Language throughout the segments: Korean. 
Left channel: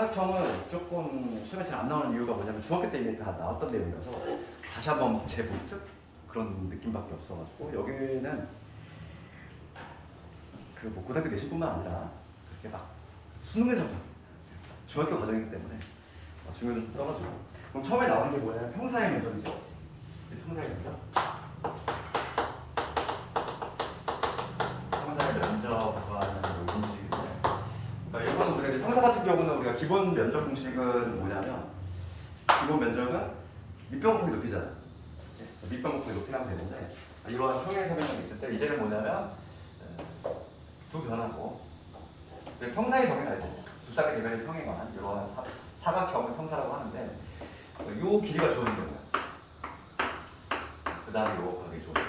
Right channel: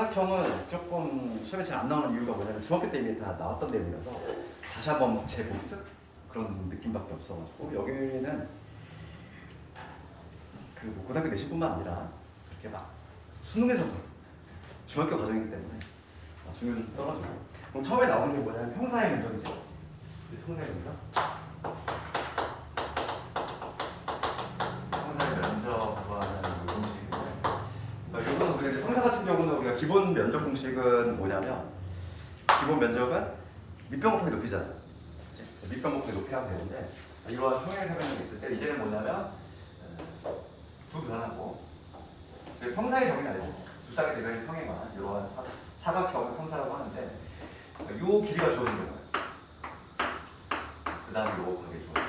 사각형은 조금 시험에 잘 안 나오는 이유가 뭐냐면 중학교 때 이미 다 나왔던 내용이라서 다시 한번 재복습 그런 느낌밖에 없어가지고 여기는 그 뭐 고등학교 내신뿐만 아니라 그렇게 막 수능에서도 중학교 과정이기 때문에 중요도 좀 떨어지고. 그럼 처음에 나오는 게 뭐냐면 평사의 면적이죠. 평사의 면적. 평사의 면적과는 공식인데, 그러니까 이거는 우리가 평사 같은 경우는 우리가 기본 면적 공식은 뭐냐면 기본 면적은 밑변 곱하기 높이잖아. 밑변 곱하기 높이라고 되는데 이러한 평행세변이 있을 때 이제는 뭐냐면 두 변하고 평사의 정의가 되죠. 두 쌍의 대변의 평행한 이러한 사각형을 평사라고 하는데 요 길이가 주어진 거예요. 그 다음에 요거 곱하기 주어진 거죠.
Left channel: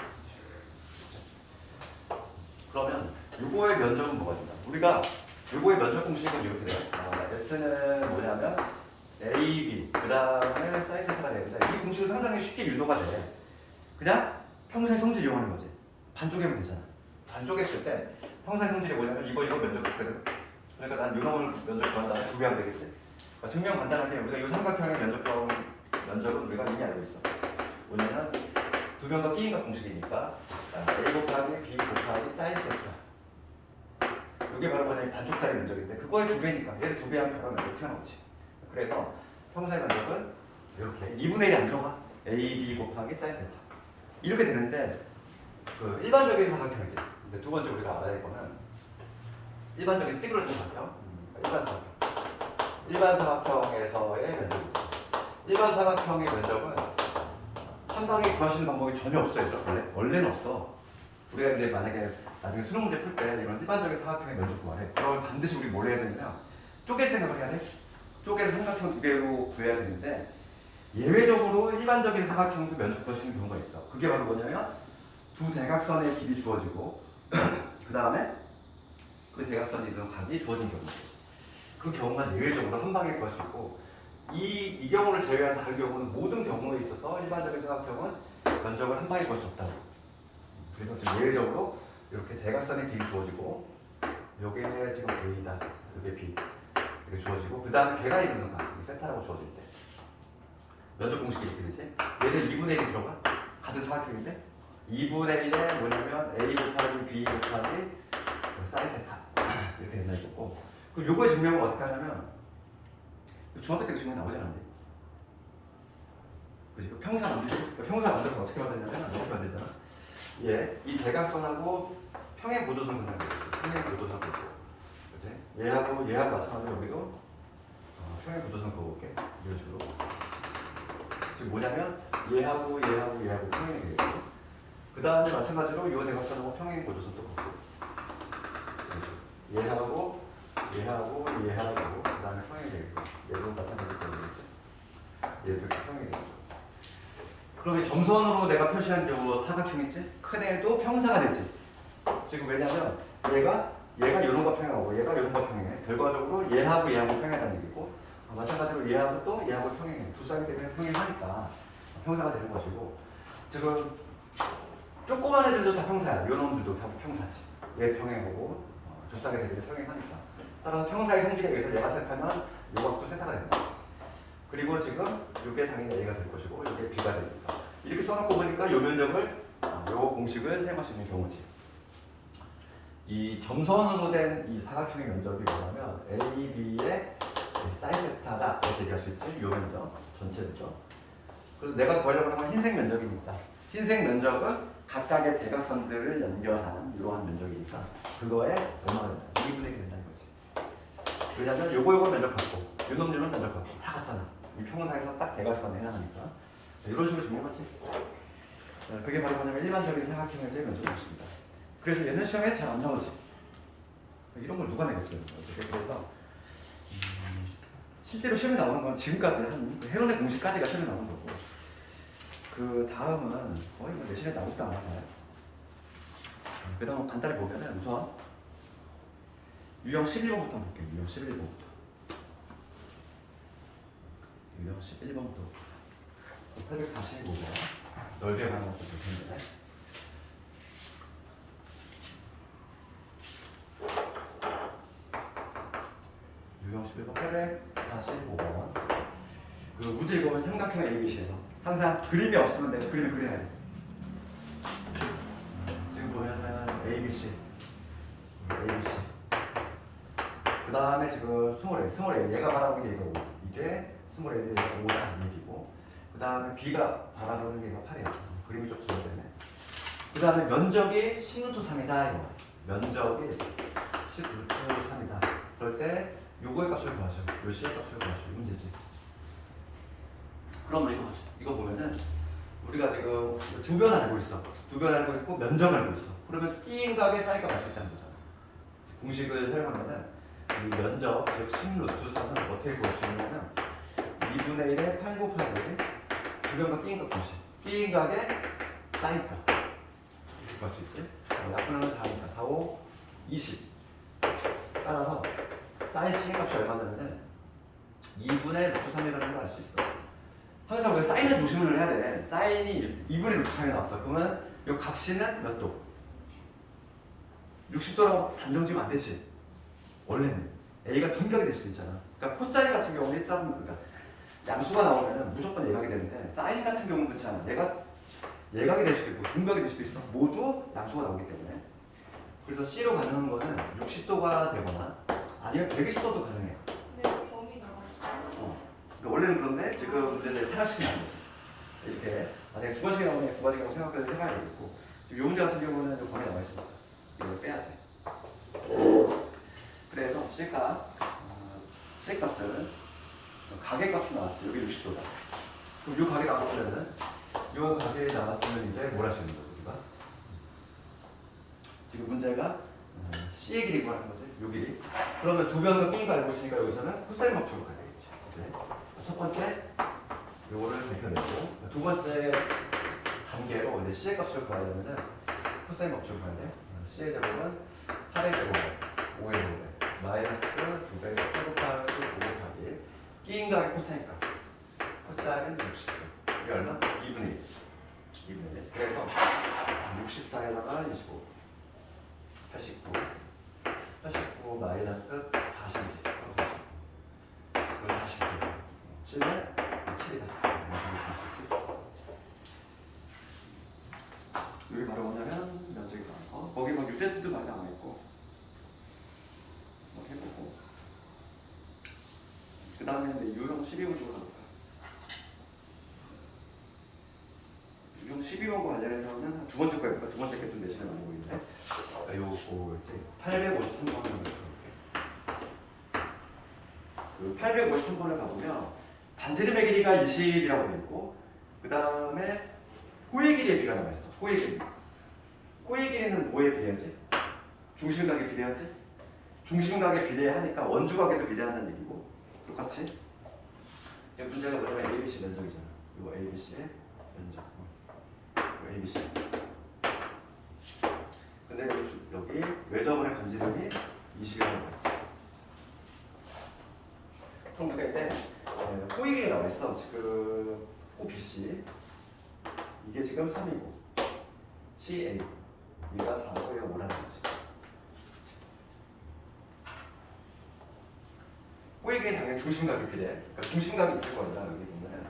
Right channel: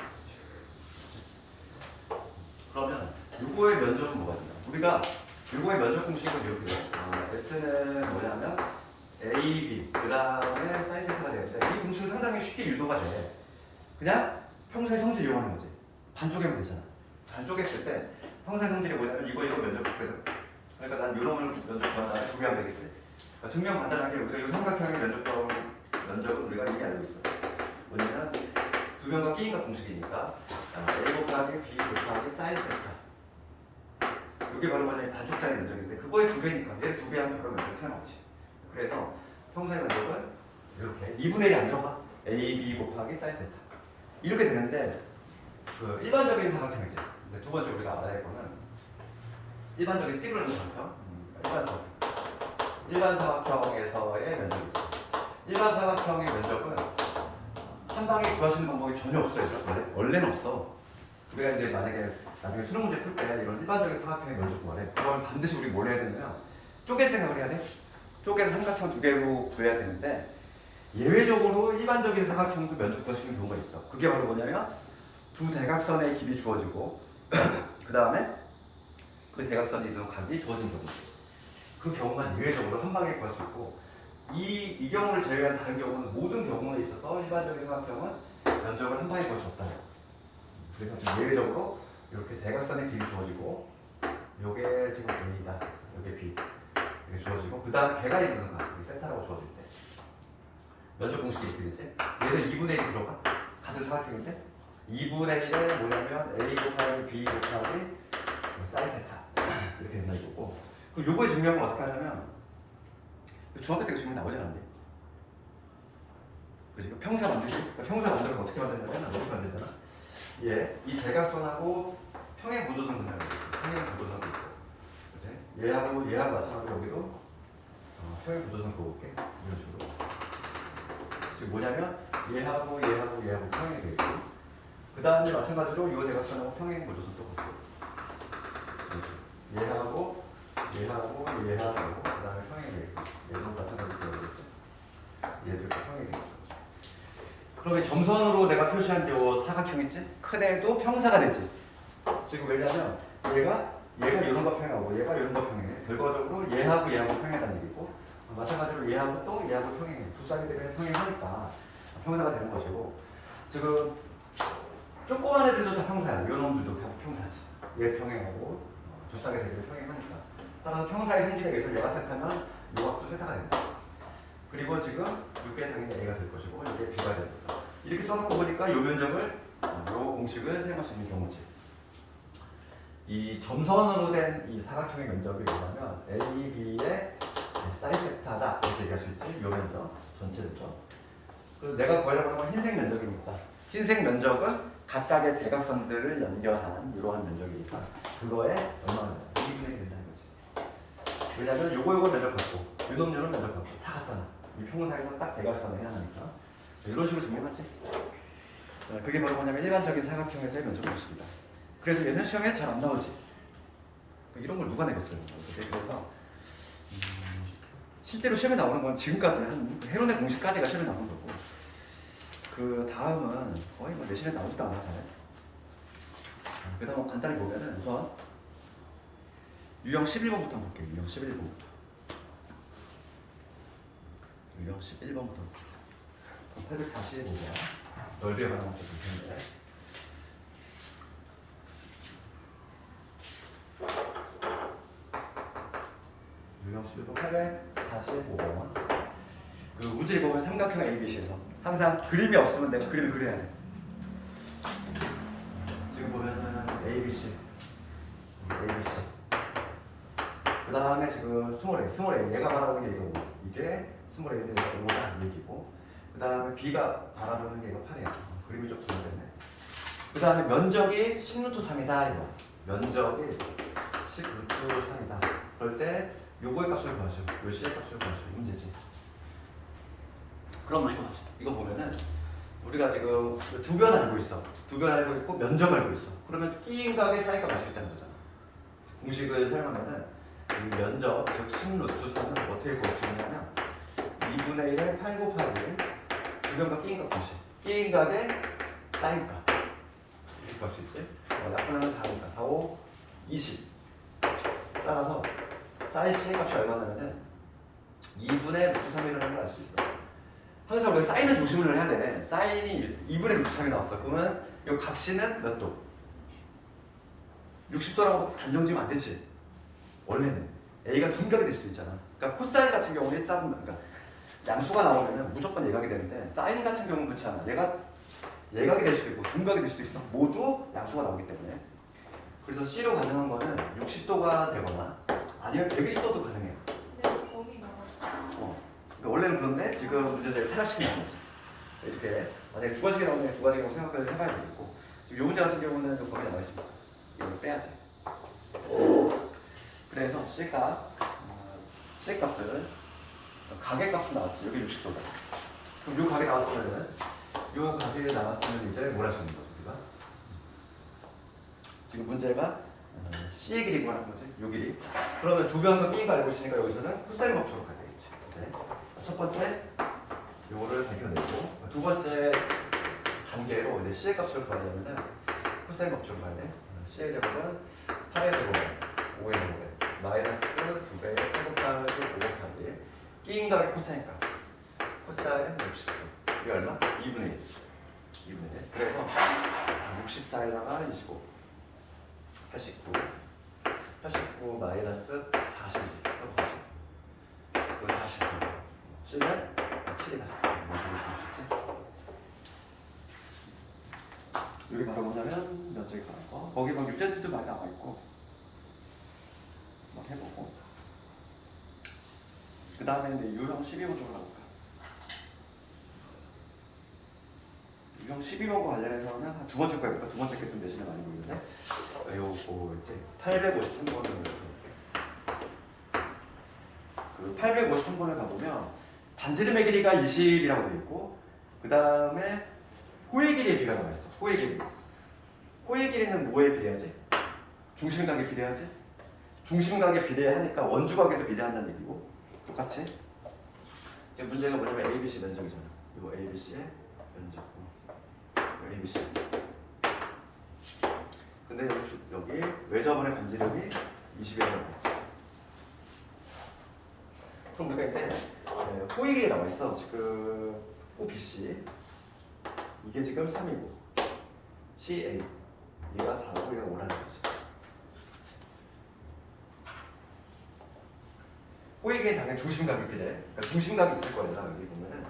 그러면 요거의 면적은 뭐가 된다? 우리가 요거의 면적 공식은 이렇게 돼요. S는 뭐냐면 AB 그 다음에 사인 세타가 되는데 이 공식은 상당히 쉽게 유도가 돼. 그냥 평사의 성질 이용하는 거지. 반쪽이면 되잖아. 반쪽했을 때 평사의 성질이 뭐냐면 이거 면적 곱거든. 그러니까 난 요놈을 면적 구한다면 두 배 하면 되겠지. 그러니까 증명 간단하게 우리가 이 삼각형의 면적은 우리가 이미 알고 있어. 뭐냐면 두 변과 끼인각 공식이니까 A 곱하기 B 곱하기 사인 세타. 이게 바로 뭐냐면 반쪽짜리 면적인데 그거의 두 배니까 얘를 두 배 하면 바로 면적 튀어나오지. 그래서 평사의 면적은 이렇게 2분의 1이 안 들어가. A, B 곱하기 사인 세타. 이렇게 되는데 그 일반적인 삼각형이지. 근데 두 번째 우리가 알아야 할 거는 일반적인 찌그러진 삼각형. 일반 사각형에서의 면적이죠. 일반 사각형의 면적은 한 방에 구하시는 방법이 전혀 없어요. 원래는 없어. 우리가 이제 만약에 나중에 수능 문제 풀 때 이런 일반적인 사각형의 면적 구하래. 그러면 반드시 우리 뭘 해야 되냐면 쪼갤 생각을 해야 돼. 쪼개서 삼각형 두 개로 구해야 되는데 예외적으로 일반적인 사각형도 면적 구하시는 경우가 있어. 그게 바로 뭐냐면 두 대각선의 길이 주어지고 그 다음에 그 대각선이 있는 각이 주어진 경우죠. 그 경우만 예외적으로 한 방에 구할 수 있고 이 경우를 제외한 다른 경우는 모든 경우에 있어서 일반적인 사각형은 면적을 한 방에 구할 수 없다고. 그래서 좀 예외적으로 이렇게 대각선의 길이 주어지고 요게 지금 A다, 요게 B 이렇게 주어지고 그 다음에 걔가 있는 각, 세타라고 주어질 때 면적 공식이 이렇게 되지? 얘는 2분의 1이 들어가. 같은 사각형인데 2분의 1에 뭐냐면 A 곱하기 B 곱하기 사인 세타 이렇게 된다 이거고. 그럼 요거의 증명은 어떻게 하냐면 중학교 때 증명 나오지 않았는데 그지? 평사 만들기. 평사 만들어서 어떻게 만드냐면 이렇게 만들잖아. 이 대각선하고 평행 보조선을 만드는 거지. 평행 보조선을 있고 그지? 얘하고 마찬가지로 여기도 평행 보조선을 그어볼게. 이런 식으로. 지금 뭐냐면 얘하고 평행이 되겠고 그 다음에 마찬가지로 이 대각선하고 평행 보조선도 걷고 얘하고 그 다음에 평행이 되겠고 얘도 마찬가지로 되겠지. 얘도 이렇게 평행이 되겠죠. 그러면 점선으로 내가 표시한 요 사각형 있지? 큰 애도 평사가 되지. 지금 왜냐면 얘가 이런 거 평행하고 얘가 이런 거 평행해. 결과적으로 얘하고 평행하다는 얘기고 마찬가지로 얘하고 평행해. 두 쌍이 되면 평행하니까 평사가 되는 것이고 지금 조그만 애들도 다 평사야. 요놈들도 다 평사지. 얘 평행하고 두 쌍이 되면 평행하니까 따라서 평사의 성질에 의해서 얘가 세타면 요각도 세타가 된다. 그리고 지금 이게 당연히 A가 될 것이고 이게 B가 될 거다. 이렇게 써놓고 보니까 요 면적을 요 공식을 사용할 수 있는 경우지. 이 점선으로 된 이 사각형의 면적이 뭐냐면 A, B의 사인 세타다 이렇게 얘기할 수 있지. 요 면적 전체죠. 그래서 내가 구하려고 하는 건 흰색 면적이니까 흰색 면적은 각각의 대각선들을 연결한 이러한 면적이니까 그거에 얼마나 2분의 1이 된다는 거지. 왜냐면 요거 면적 같고 요놈 면적 같고 다 같잖아. 이 평사에서 딱 대각선에 해당하니까 이런 식으로 정리해봤지. 그게 바로 뭐냐면 일반적인 사각형에서의 면적 공식이다. 그래서 얘는 시험에 잘 안 나오지. 이런 걸 누가 내겠어요. 그래서 실제로 시험에 나오는 건 지금까지 한 헤론의 공식까지가 시험에 나오는 거고 그 다음은 거의 뭐 내신에 나오지도 않아 잘. 그다음 간단히 보면은 우선 유형 11번부터 한번 볼게요. 유형 11번부터. 유형 11번부터 봅시다. 845번 넓이에 관한 것도 볼 텐데 유형 11번 845번 245번. 그 문제 읽어보면 삼각형 ABC에서 항상 그림이 없으면 내가 그림을 그려야 돼. 지금 보면은 ABC. 그 다음에 지금 스몰 A. 얘가 바라보는 게 이거고, 이게 스몰 A인데 얘가 5다 얘기고, 그 다음에 B가 바라보는 게 이거 8이야. 그림이 좀 잘되네. 그 다음에 면적이 10루트 3이다 이거. 면적이 10루트 3이다. 그럴 때 요거의 값을 구하죠. 요 C의 값을 구하죠. 문제지. 그럼 이거 합시다. 이거 보면은 우리가 지금 두 변 알고 있어. 두 변 알고 있고 면적 알고 있어. 그러면 끼임각의 사이가 갈 수 있다는 거잖아. 공식을 사용하면은 이 면적, 즉 10루트 3은 어떻게 구할 수 있냐면 2분의 1에 8 곱하기 두 변과 끼임각 공식. 끼임각의 사인값. 이렇게 구할 수 있지. 약분하면 4니까 4, 5, 20. 따라서 사인 C의 값이 얼마냐면은 2분의 루트 3이라는 걸 알 수 있어. 항상 왜 사인을 조심을 해야 돼. 사인이 2분의 루트 3이 나왔어. 그러면 이 각시는 몇 도? 60도라고 단정 지으면 안 되지. 원래는 A가 둔각이 될 수도 있잖아. 그러니까 코사인 같은 경우는 그러니까 양수가 나오면은 무조건 예각이 되는데 사인 같은 경우는 그렇지 않아. 얘가 예각이 될 수도 있고 둔각이 될 수도 있어. 모두 양수가 나오기 때문에. 그래서 C로 가능한 거는 60도가 되거나 아니면 120도도 가능해. 네, 거기 나왔어. 원래는 그런데 지금 문제를 하나씩 나누지. 이렇게 만약에 두 가지가 나오면 두 가지라고 생각을 해봐야 되겠고, 지금 이 문제 같은 경우는 좀 범위가 나와 있습니다. 이걸 빼야지. 그래서 C값을 가계값으로 나왔지. 여기 60도다. 그럼 이 가게 나왔으면은 이 가게 나왔으면 이제 뭘 할 수 있는 거죠 우리가? 지금 문제가 C의 길이 구하는 거지. 요 길이. 그러면 두 변과 끼니가 알고 있으니까 여기서는 코사인 법칙으로 가야 되겠지. 네. 첫 번째 요거를 밝혀내고 두 번째 단계로 이제 C의 값을 구하려면 코사인 법칙으로 가야 돼. C의 제곱은 8의 제곱, 5의 제곱, 마이너스 2배의 8 곱하기 5 곱하기 끼인각의 코사인 값. 코사인 60도. 이게 얼마? 2분의 1. 2분의 1. 그래서 64에다가 25. 89 마이너스 40이지. 그 49. C는 7이다. 여기 바로 뭐냐면 면적이 나오고 거기 뭐 유제트도 많이 나와 있고 막 해보고 그 다음에 이제 유형 12호 쪽으로 가볼까. 유형 12호 관련해서는 두 번째 거니까 두 번째 게 좀 내신에 많이 보이는데 요거 이제 853번을 그 853번을 가보면 반지름의 길이가 20이라고 되어 있고 그 다음에 호의 길이의 비가 나와 있어. 호의 길이. 호의 길이는 뭐에 비례하지? 중심각에 비례하지? 중심각에 비례하니까 원주각에도 비례한다는 얘기고 똑같이. 이제 문제가 뭐냐면 ABC 면적이잖아. 이거 ABC의 면적. ABC. 근데 여기 외접원의 간지름이 20에 나와있어. 그럼 우리가 이때 호의 길이 나와 있어. 지금 OBC. 이게 지금 3이고 CA 얘가 4고 얘가 5라는 거지. 호익은 당연히 중심각이 비례. 그러니까 중심각이 있을 거야. 여기 보면은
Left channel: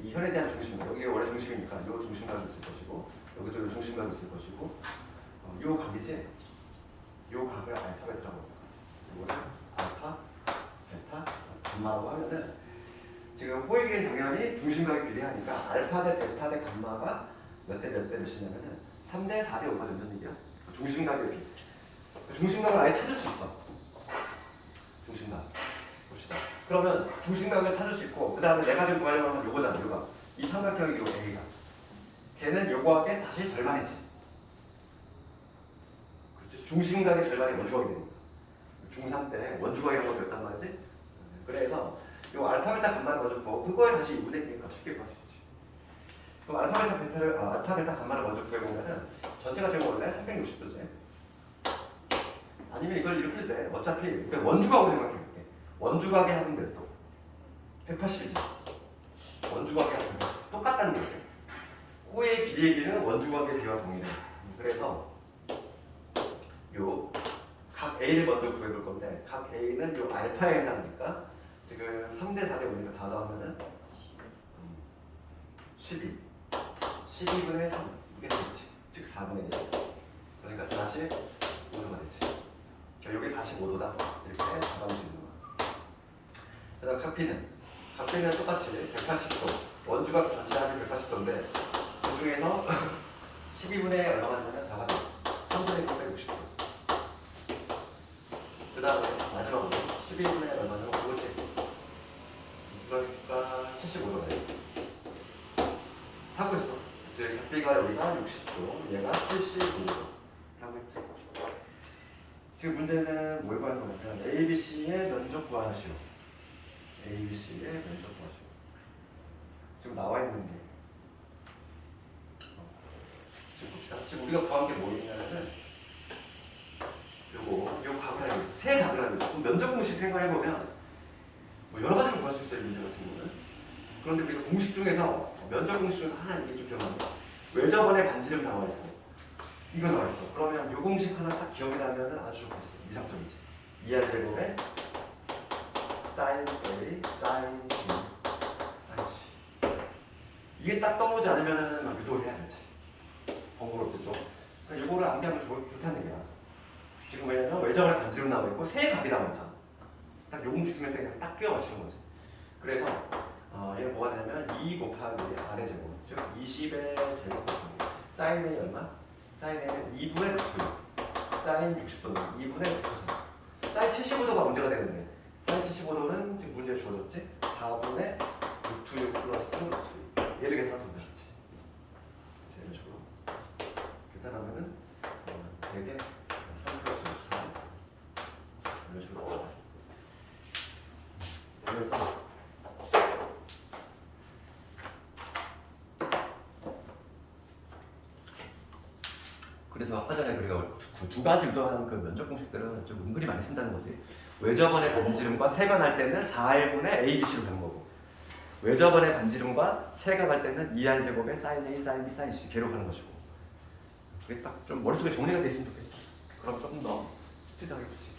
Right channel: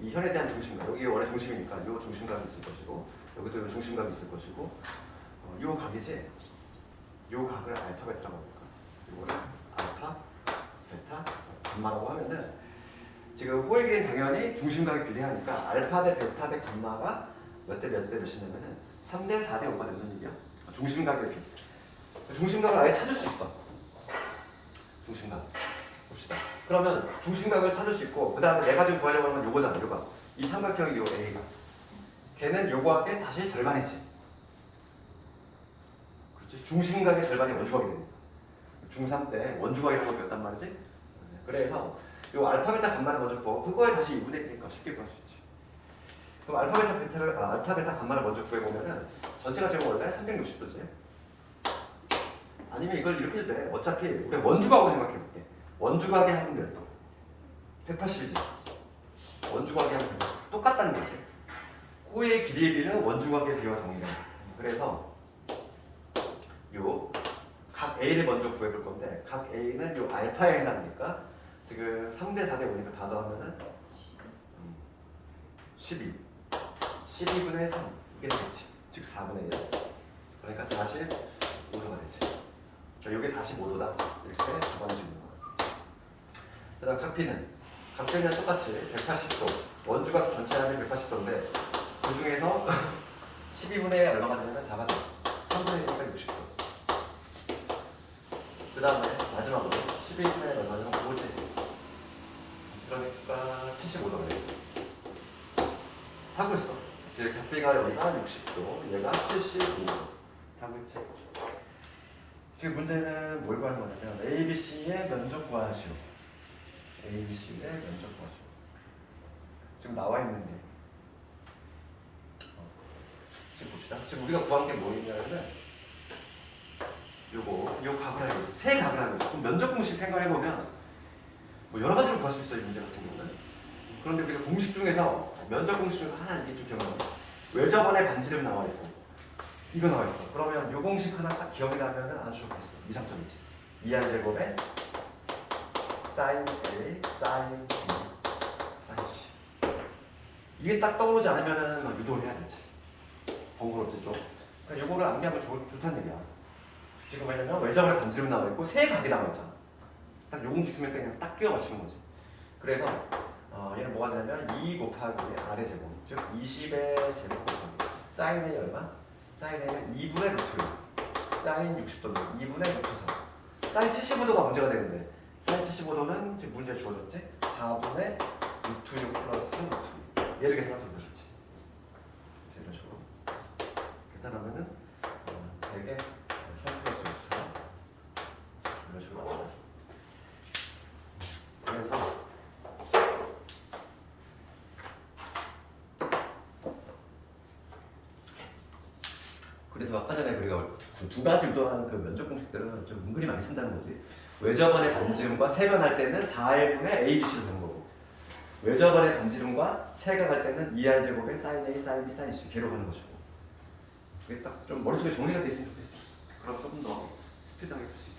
이 현에 대한 중심각. 여기 원래 중심이니까 이 중심각이 있을 것이고 여기도 이 중심각이 있을 것이고 이 각이지. 이 각을 알파 베타라고 할까. 이거는 알파 베타 감마라고 하면은 지금 호익은 당연히 중심각이 비례하니까 알파 대 베타 대 감마가 몇 대 몇이냐면은 3대 4대 5가 된다는 얘기야. 중심각의 비. 중심각을 아예 찾을 수 있어. 중심각. 봅시다. 그러면 중심각을 찾을 수 있고 그 다음에 내가 지금 구하려고 하면 요거잖아. 요거. 이 삼각형이 요 A가. 걔는 요거한테 다시 절반이지. 그렇지. 중심각의 절반이 원주각이 됩니다. 중3 때 원주각이 되는 거였단 말이지. 그래서 요 알파 베타 감마를 먼저 구하고 그거에 다시 2분의 1이니까 쉽게 구할 수 있지. 그럼 알파 베타 감마를 먼저 구해보면은 전체가 제곱 원래 360도지. 아니면 이걸 이렇게 해도 돼. 어차피 우리 원주각으로 생각해볼게. 원주각의 합은 몇 도? 180이지. 원주각의 합은 똑같다는 거지. 호의 길이의 비는 원주각의 비와 동일해. 그래서 요 각 A를 먼저 구해볼 건데 각 A는 요 알파에 해당하니까 지금 3대 4대 보니까 다 더하면은 12. 12분의 3. 이게 되겠지. 즉 4분의 1. 그러니까 45도가 되지. 자, 여기 45도다. 이렇게 잡아줄 수 있는 거야. 그 다음 각비는 똑같이 180도. 원주각 전체 하면 180도인데 그 중에서 12분의 얼마가 되냐면 4가 돼. 3분의 1이니까 60도. 그 다음에 마지막으로 12분의 얼마냐면 5제. 그러니까 75도가 돼. 하고 있어. 즉 각비가 여기가 60도, 얘가 75도. 하고 있지. 지금 문제는 뭘 구하는 거냐면 ABC의 면적 구하시오. ABC의 면적 구하시오. 지금 나와 있는 게 지금 봅시다. 지금 우리가 구한 게 뭐냐면 요 각을 알고 있어. 세 각을 알고 있어. 그럼 면적 공식 생각해보면 뭐 여러 가지로 구할 수 있어요. 문제 같은 경우는. 그런데 우리가 공식 중에서 면적 공식 중에 하나 이게 좀 기억나요. 외접원의 반지름 나와 있고 이거 나와 있어. 그러면 요 공식 하나 딱 기억이 나면은 아주 좋겠어. 이상점이지. 2R 제곱에 sin A, sin B, sin C. 이게 딱 떠오르지 않으면은 뭐 유도를 해야 되지. 번거롭지 좀. 그러니까 요거를 암기하면 좋다는 얘기야. 지금 왜냐면 외접원의 반지름 나와 있고 세 각이 나와 있잖아. 딱 요 공식 쓰면 그냥 딱 끼워 맞추는 거지. 그래서 얘는 뭐가 되냐면 2 곱하기 R의 제곱, 즉 20의 제곱 곱하기 sin A 얼마? sin A는 2분의 루트, sin 60도는 2분의 루트 3. sin 75도가 문제가 되는데 sin 75도는 지금 문제에 주어졌지? 4분의 루트 6 플러스 루트 6. 얘를 계산하면 되겠지. 이런 식으로 계산하면은 되게 3 플러스 루트 4 이런 식으로 나와요. 그래서 아까 전에 우리가 두 가지 유도한 그 면적 공식들은 좀 은근히 많이 쓴다는 거지. 외접원의 반지름과 세각할 때는 4R분의 ABC로 되는 거고, 외접원의 반지름과 세각할 때는 2R 제곱의 sin A, sin B, sin C 걔로 가는 것이고. 그게 딱 좀 머릿속에 정리가 돼 있으면 좋겠어. 그럼 조금 더 스피드하게 볼 수 있죠.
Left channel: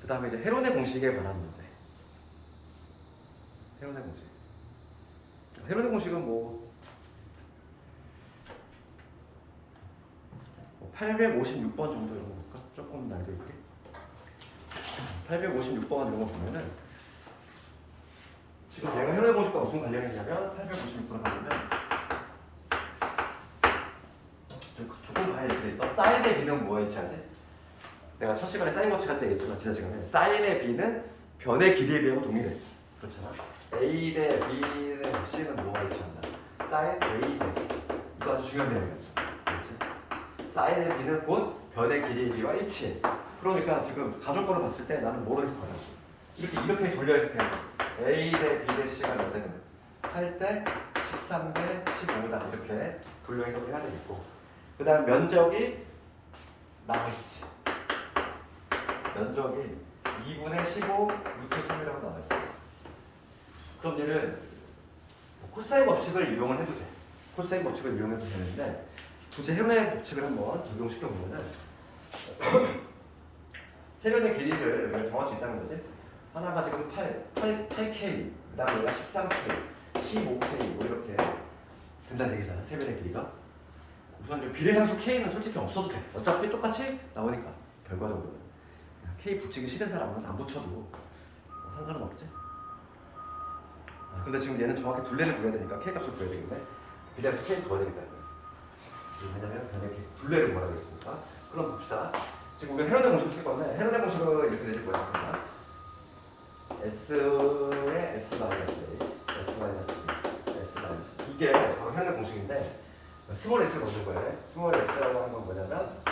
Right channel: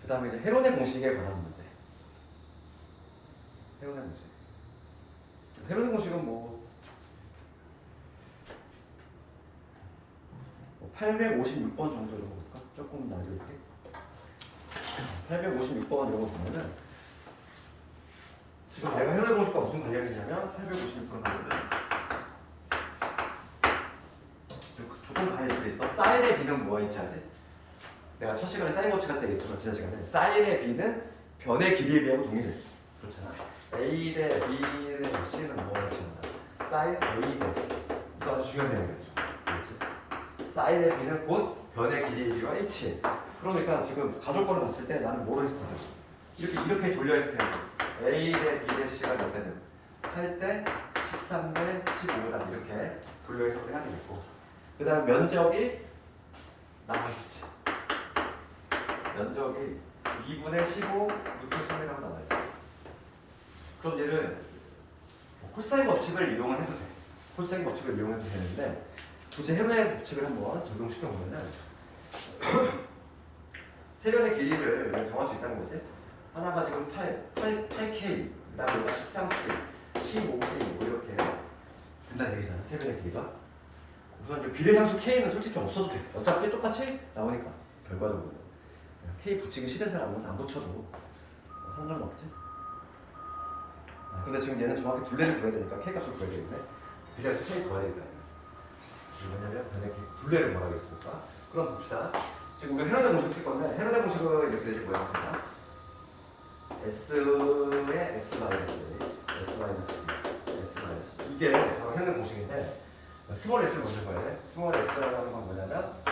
그 다음에 이제 헤론의 공식에 관한 문제. 헤론의 공식. 헤론의 공식은 뭐 856번 정도 이런 거 볼까? 조금 날개 있게. 856번 이런 거 보면은 지금 얘가 헤론의 공식과 무슨 관련이 있냐면 856번을 보면은 지금 조금 관련이 돼 있어. 사인의 b는 뭐와 일치하지? 내가 첫 시간에 사인 법칙 할 때 얘기했지만 지난 시간에 사인의 b는 변의 길이에 비하고 동일해. 그렇잖아. a 대 b 대 c는 뭐와 일치한다? 사인 a 대 이거 아주 중요한 내용이죠. 사인의 b는 곧 변의 길이에 비와 일치해. 그러니까 지금 가족권을 봤을 때 나는 뭐로 해석하자? 이렇게 돌려 해석해. a 대 b 대 c가 몇 대는 8대 13대 15다 이렇게 돌려 해석을 해야 되겠고, 그 다음 면적이 나와 있지. 면적이 2분의 15 루트 3이라고 나와 있어. 그럼 얘를 코사인 법칙을 이용을 해도 돼. 코사인 법칙을 이용해도 되는데 굳이 헤론의 법칙을 한번 적용시켜 보면은 세 변의 길이를 우리가 정할 수 있다는 거지. 하나가 지금 8K, 그다음에 얘가 13K, 15K 뭐 이렇게 된다는 얘기잖아. 세 변의 길이가. 우선 이 비례상수 K는 솔직히 없어도 돼. 어차피 똑같이 나오니까 결과적으로는 K 붙이기 싫은 사람은 안 붙여도 상관은 없지. 근데 지금 얘는 정확히 둘레를 구해야 되니까 K 값을 구해야 되겠네. 비례상수 K 구해야 되겠다. 왜냐면 변의 둘레를 구하라고 했으니까. 그럼 봅시다. 지금 우리가 헤론의 공식 쓸 건데 헤론의 공식은 이렇게 되지 뭐야? S의 S 마이너스 S 마이너스 S 마이너스 이게 바로 헤론의 공식인데 스몰 S를 넣을 거예요. 스몰 S라고 하는 건 뭐냐면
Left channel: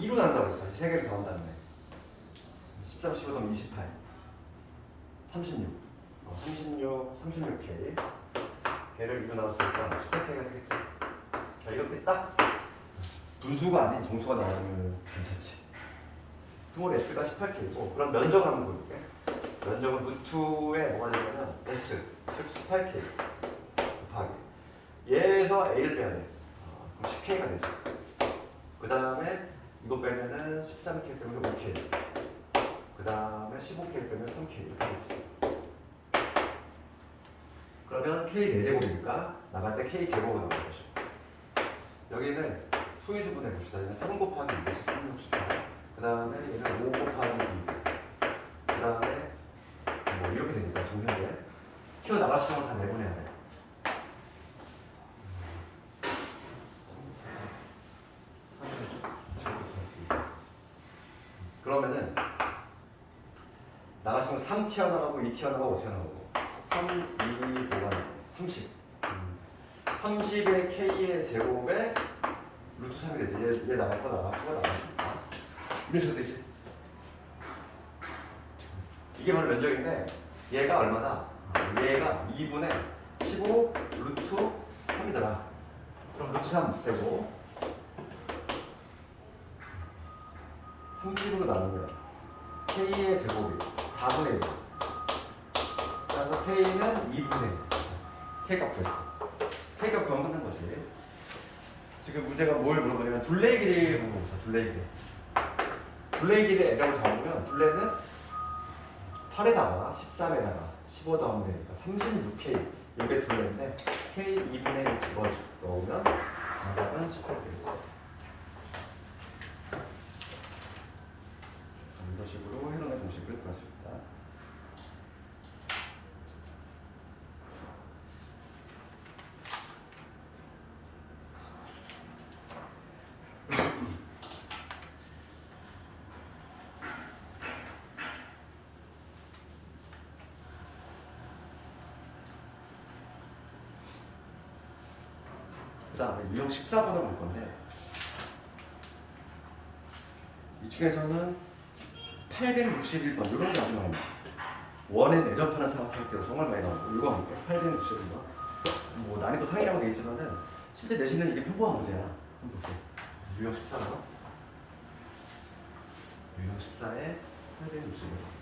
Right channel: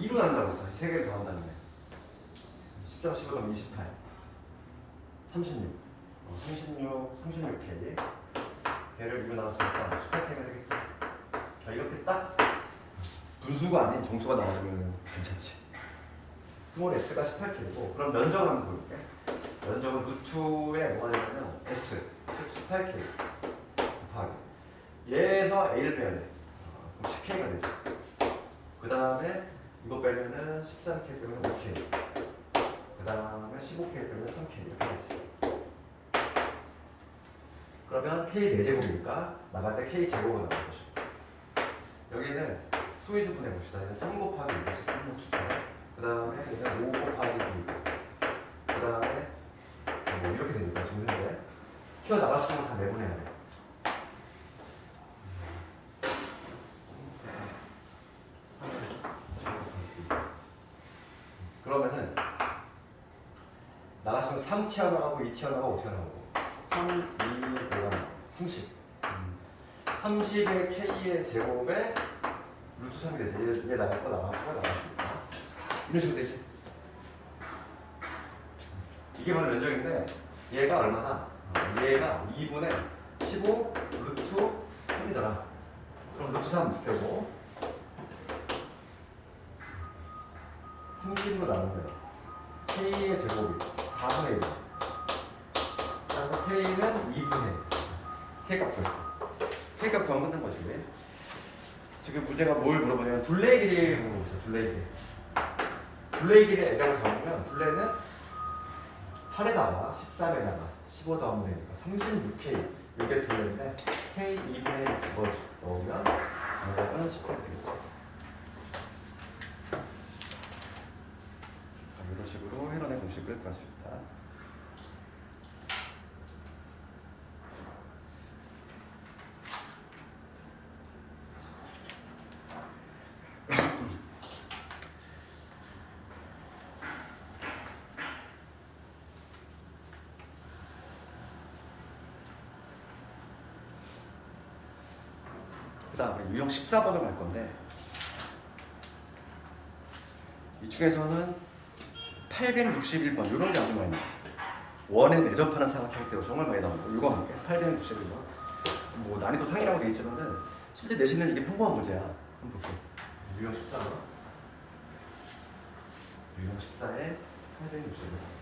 2로 나눈다고 했어. 세 개를 더한다는 거. 13, 15 더하면 28 36 36K 걔를 2로 나눴으니까 18K가 되겠지. 자, 이렇게 딱 분수가 아닌 정수가 나와주면 괜찮지. 스몰 S가 18K고 그럼 면적을 한번 보여볼게. 면적은 루트에 뭐가 되냐면 S, 즉 18K 곱하기 얘에서 A를 빼야 돼. 그럼 10K가 되지. 그 다음에 이거 빼면은 13K 빼면 5K. 그 다음에 15K 빼면 3K 이렇게 되지. 그러면 K 4제곱이니까 나갈 때 K 제곱으로 나갈 것이고 여기는 소위주분 해봅시다. 얘는 3 곱하기 2죠. 3 주죠. 그 다음에 여기는 5 곱하기 2. 그 다음에 뭐 이렇게 되니까 정신대 튀어나갔으면 다 내보내야 돼. 그러면은 나갔으면 3 튀어나가고 2 튀어나가고 5 튀어나가고 3, 2, 5가 30 30의 K의 제곱에 루트 3이 되지. 얘 나갔고 나갔고 나갔으니까 이런 식으로 되지. 이게 바로 면적인데 얘가 얼마나? 얘가 2분의 15 루트 3이더라. 그럼 루트 3 쓰고 30으로 나누면 K의 제곱이 4분의 1. 그래서 K는 2분의 1. K값 구했어. K값 구하면 끝난 거지. 지금 문제가 뭘 물어보냐면 둘레의 길이를 물어보죠. 둘레의 길이. 둘레의 길이 L이라고 잡으면 둘레는 8에다가 13에다가 15 더하면 되니까 36K 이게 둘레인데 K 2분의 1 집어 넣으면 정답은 18 되겠죠. 이런 식으로 해론해 보시길 바랍니다. 그 다음에 유형 14번을 할 건데 이 중에서는 861번 이런 게 아주 많이 나와요. 원에 내접하는 삼각형태로 정말 많이 나오고 이거 할게요. 861번 뭐 난이도 상이라고 돼 있지만은 실제 내신은 이게 평범한 문제야. 한번 볼게요. 유형 14번 유형 14에 861번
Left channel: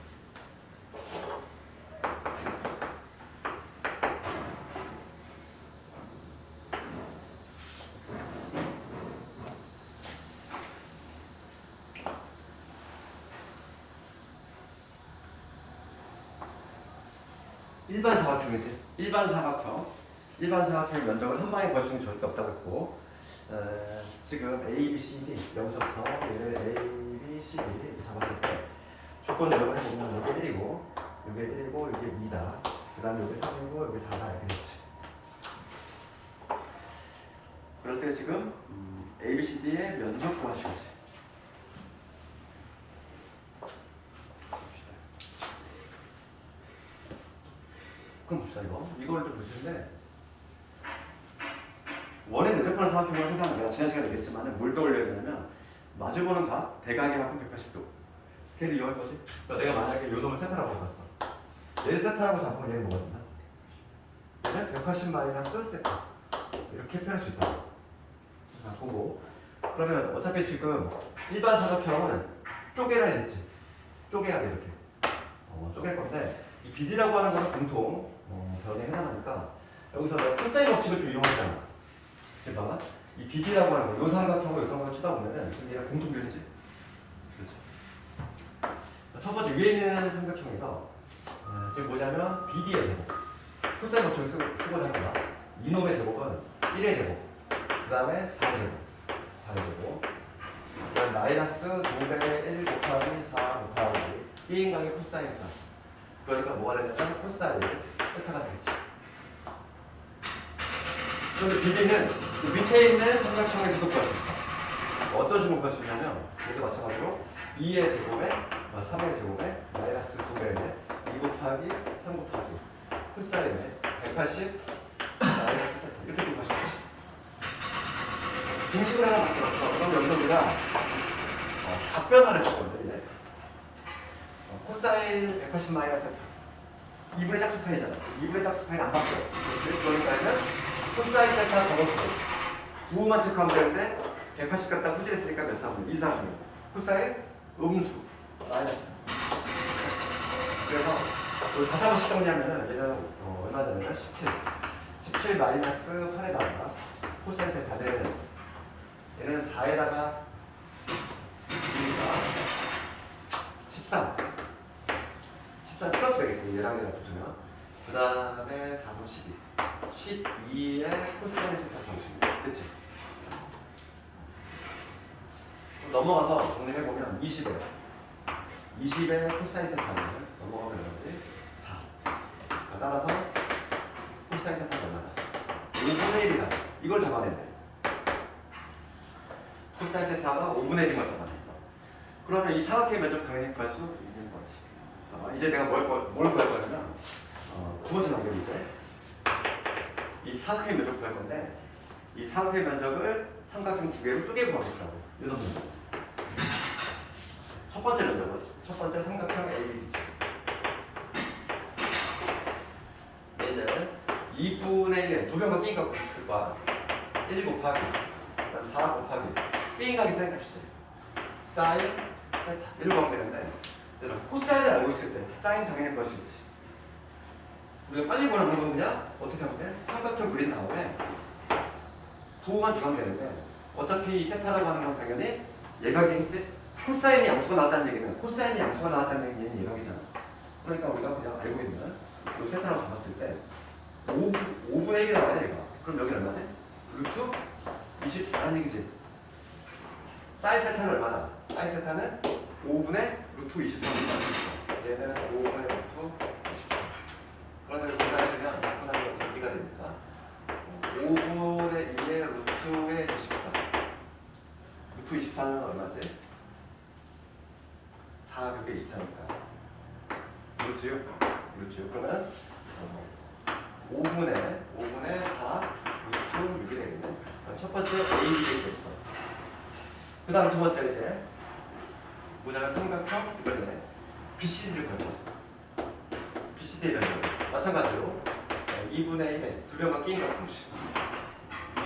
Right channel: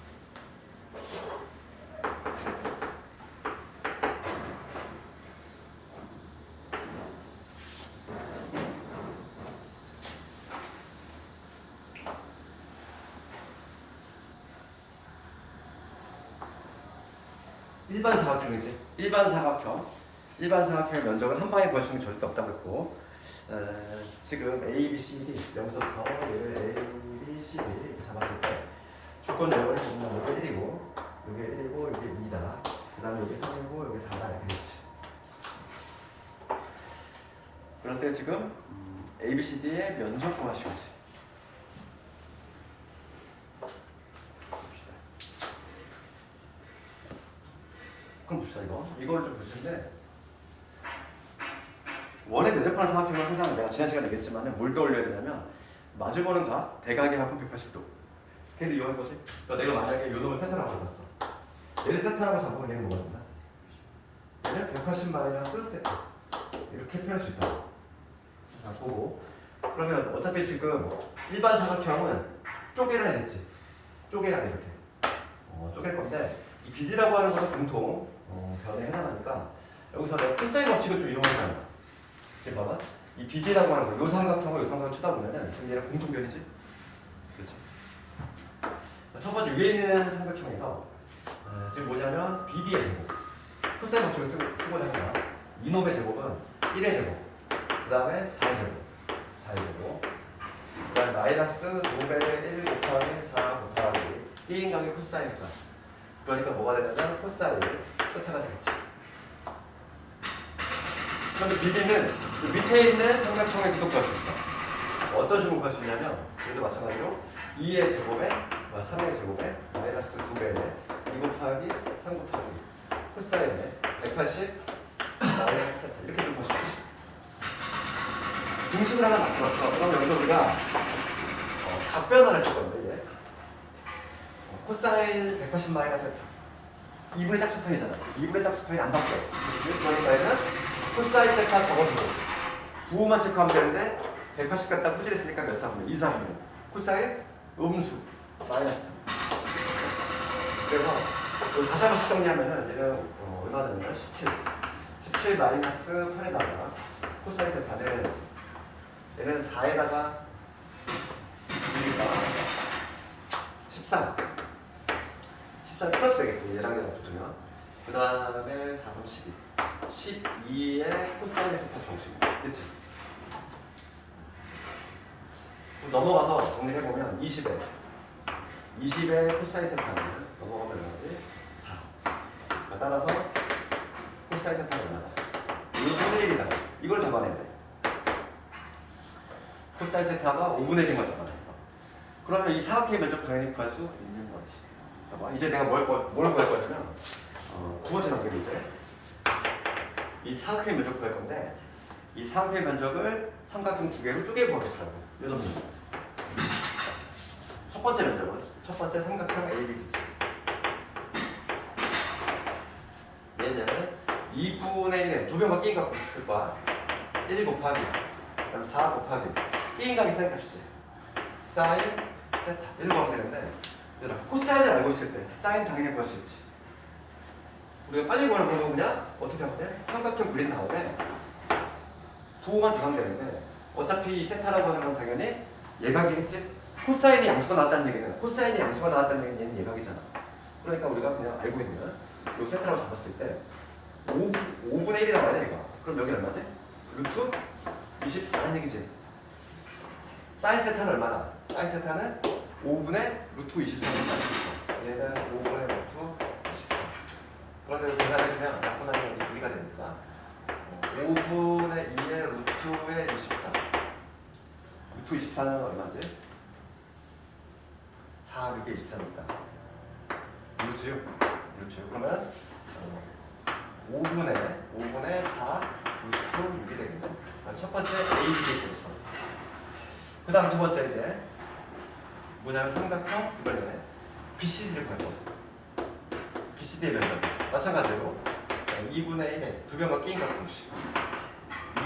일반 사각형이지. 일반 사각형의 면적은 한 방에 구할 수 있는 게 절대 없다고 했고 지금 A, B, C, D 여기서부터 얘를 A, B, C, D 이렇게 잡았을 때 조건 내용을 보면 이게 1이고 이게 1이고 이게 2다. 그 다음에 이게 3이고 이게 4다 이렇게 됐지. 그럴 때 지금 A, B, C, D의 면적 구할 수 있지. 그럼 봅시다. 이걸 좀 볼 텐데 원에 내접하는 사각형은 항상 내가 지난 시간에 얘기했지만 뭘 떠올려야 되냐면 마주보는 각 대각의 합은 180도 걔를 이용할 거지. 그러니까 내가 만약에 요 놈을 세타라고 잡았어. 얘를 세타라고 잡으면 얘는 뭐가 된다? 얘는 180 마이너스 세타 이렇게 표현할 수 있다. 자 보고 그러면 어차피 지금 일반 사각형은 쪼개라 했지. 쪼개야 돼 이렇게. 쪼갤 건데 이 BD라고 하는 거는 공통 변에 해당하니까 여기서 내가 코사인 법칙을 좀 이용하잖아. 지금 봐봐. 이 BD라고 하는 거, 요 삼각형과 요 삼각형 쳐다보면은 지금 얘랑 공통변이지? 그렇지? 첫 번째 위에 있는 삼각형에서 지금 뭐냐면 BD의 제곱. 코사인 법칙을 쓰고자 하면 이놈의 제곱은 1의 제곱. 그 다음에 4의 제곱. 4의 제곱. 그 다음에 마이너스 5분의 1 곱하기 4 곱하기 1인각의 코사인이다. 그러니까 뭐가 되냐면 코사인이 세타가 되겠지. 그런데 BD는 그 밑에 있는 삼각형에서도 구할 수 있어. 어떤 식으로 구할 수 있냐면 얘도 마찬가지로 2의 제곱에 3의 제곱에 마이너스 2배에 2 곱하기 3 곱하기 코사인에 180 마이너스 세타 이렇게 구할 수 있지. 등식을 하나 바꿔봤어. 그럼 여기서 우리가 각변화를 했을 건데 이제 코사인 180 마이너스 2분의 짝수편이잖아. 2분의 짝수편이 안 바뀌어. 그러니까 얘는 코사인 세타 적어주고 부호만 체크하면 되는데 180 갖다 후질했으니까 몇 상이면 2상이면 코사인 음수 마이너스 그래서 여기 다시 한번 정리하면은 얘는 얼마 되냐면 17. 17 마이너스 8에다가 코사인 세타는 얘는 4에다가 2가 13. 13 플러스 되겠지. 얘랑 얘랑 붙으면. 그 다음에 4, 3, 12. 12에 코사인 세타 정식. 그치? 넘어가서 정리해보면 20에 코사인 세타는 넘어가면 얼마지? 4. 따라서 코사인 세타가 얼마나? 5분의 1이다. 이걸 잡아내야 돼. 코사인 세타가 5분의 1인 걸 잡아냈어. 그러면 이 사각형의 면적 당연히 구할 수 있는 거지. 봐봐. 이제 내가 뭘 구할 거냐면 두 번째 단계로 이제 이 사각형의 면적 구할 건데 이 사각형의 면적을 삼각형 두 개로 쪼개 구하겠다고. 이런 면적. 첫 번째 면적은 첫 번째 삼각형 AB지. 얘는 2분의 1에 두 변과 끼인 값 있을 거야. 1 곱하기 그다음 4 곱하기 끼인 값이 사인 값이지. 사인 세타 1 구하면 되는데 얘들아 코사인을 알고 있을 때 사인 당연히 구할 수 있지. 우리가 빨리 구하는 방법은 그냥 어떻게 하면 돼? 삼각형 그린 다음에 부호만 더하면 되는데 어차피 이 세타라고 하는 건 당연히 예각이겠지? 코사인이 양수가 나왔다는 얘기는 코사인이 양수가 나왔다는 얘기는 얘는 예각이잖아. 그러니까 우리가 그냥 알고 있는 요 세타라고 잡았을 때 5분의 1이 나와야 돼 얘가. 그럼 여기 얼마지? 루트 24라는 얘기지. 사인 세타는 얼마나? 사인 세타는 5분의 루트 24를 나올 수 있어. 얘는 5분의 루트 24. 그러면 계산을 그냥 약분하면 2가 됩니다. 5분의 2의 루트의 24. 루트 24는 얼마지? 4, 6에 24니까. 루트 6. 루트 6. 그러면 5분의 4, 루트 6이 되겠네. 첫 번째 A 됐어. 그 다음 두 번째 이제 뭐냐면 삼각형 이번에 BCD를 가져. BCD의 면적. 마찬가지로 2분의 1에 두 변과 끼인 값 공식.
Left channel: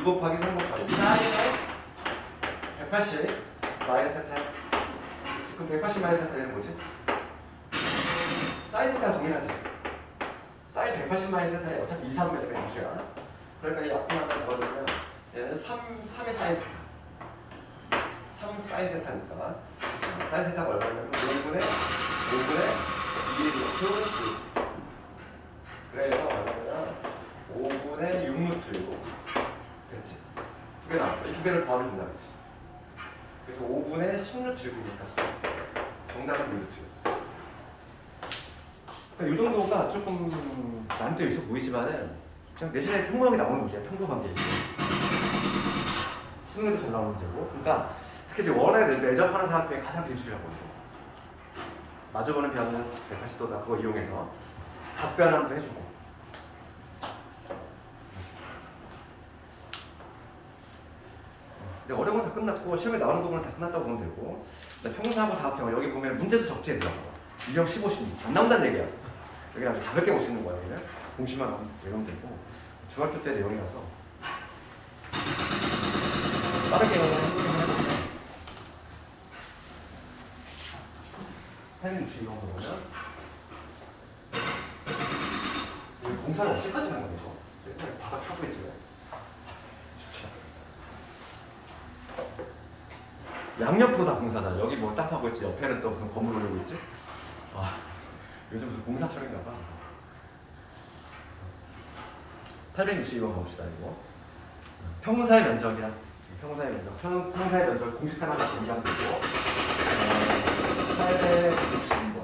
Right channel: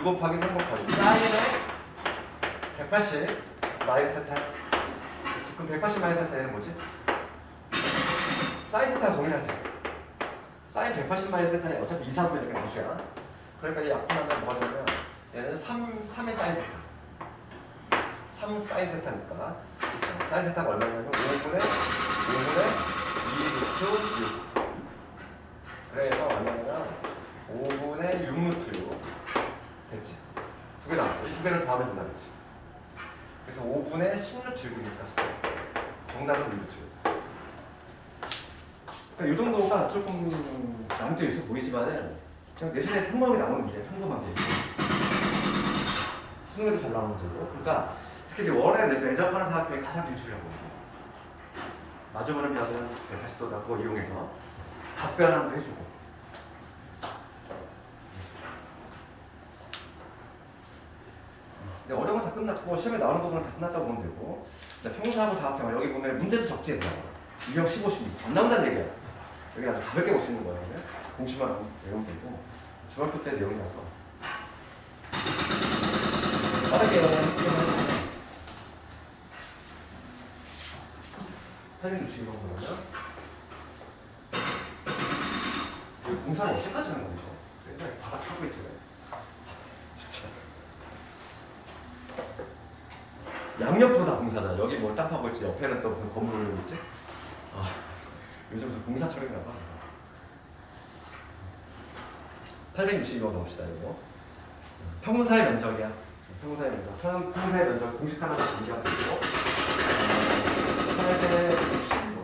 2 곱하기 3 곱하기 사인에 180 마이너스 세타. 그럼 180 마이너스 세타는 뭐지? 사인 세타 동일하지. 사인 180 마이너스 세타는 어차피 2, 3분의 1가 양수야. 그러니까 이 앞으로 하나 뭐가 되냐면 얘는 3의 사인 세타. 3 사인 세타니까 사인 세타가 얼마냐면 5분의 2 루트 6. 그래서 얼마냐 5분의 6 루트 6 됐지? 두 개 나왔어. 이 두 개를 더하면 된다지. 그래서 5분의 10 루트 6이니까 정답은 1 루트 6. 그러니까 이 정도가 조금 난이도 있어 보이지만은 그냥 내신에 평범하게 나오는 문제야. 평범한 게. 수능에도 잘 나오는 문제고. 그러니까 특히 이제 원에 내접하는 사각형이 가장 빈출이라고 합니다. 마주보는 변은 180도다. 그거 이용해서 답변함도 해주고. 근데 어려운 건 다 끝났고 시험에 나오는 부분은 다 끝났다고 보면 되고. 자, 평사하고 사각형을 여기 보면 문제도 적지에 들어가요. 유형 15, 16. 안 나온다는 얘기야. 여기는 아주 가볍게 볼 수 있는 거거든요. 공식만 외우면 되고. 중학교 때 내용이라서. 빠르게 해보기만 해보면. 타이밍 주의로 보면 이 공사를 언제까지 하는 거냐 이거 맨날 바닥 하고 있지 진짜 양옆으로 다 공사다. 여기 뭐 딱 하고 있지 옆에는 또 무슨 건물 올리고 있지. 아 요즘 무슨 공사철인가 봐. 862번 가봅시다. 이거 평사의 면적이야. 평사의 면적. 평사의 면적 공식 하나가 인정되고 865.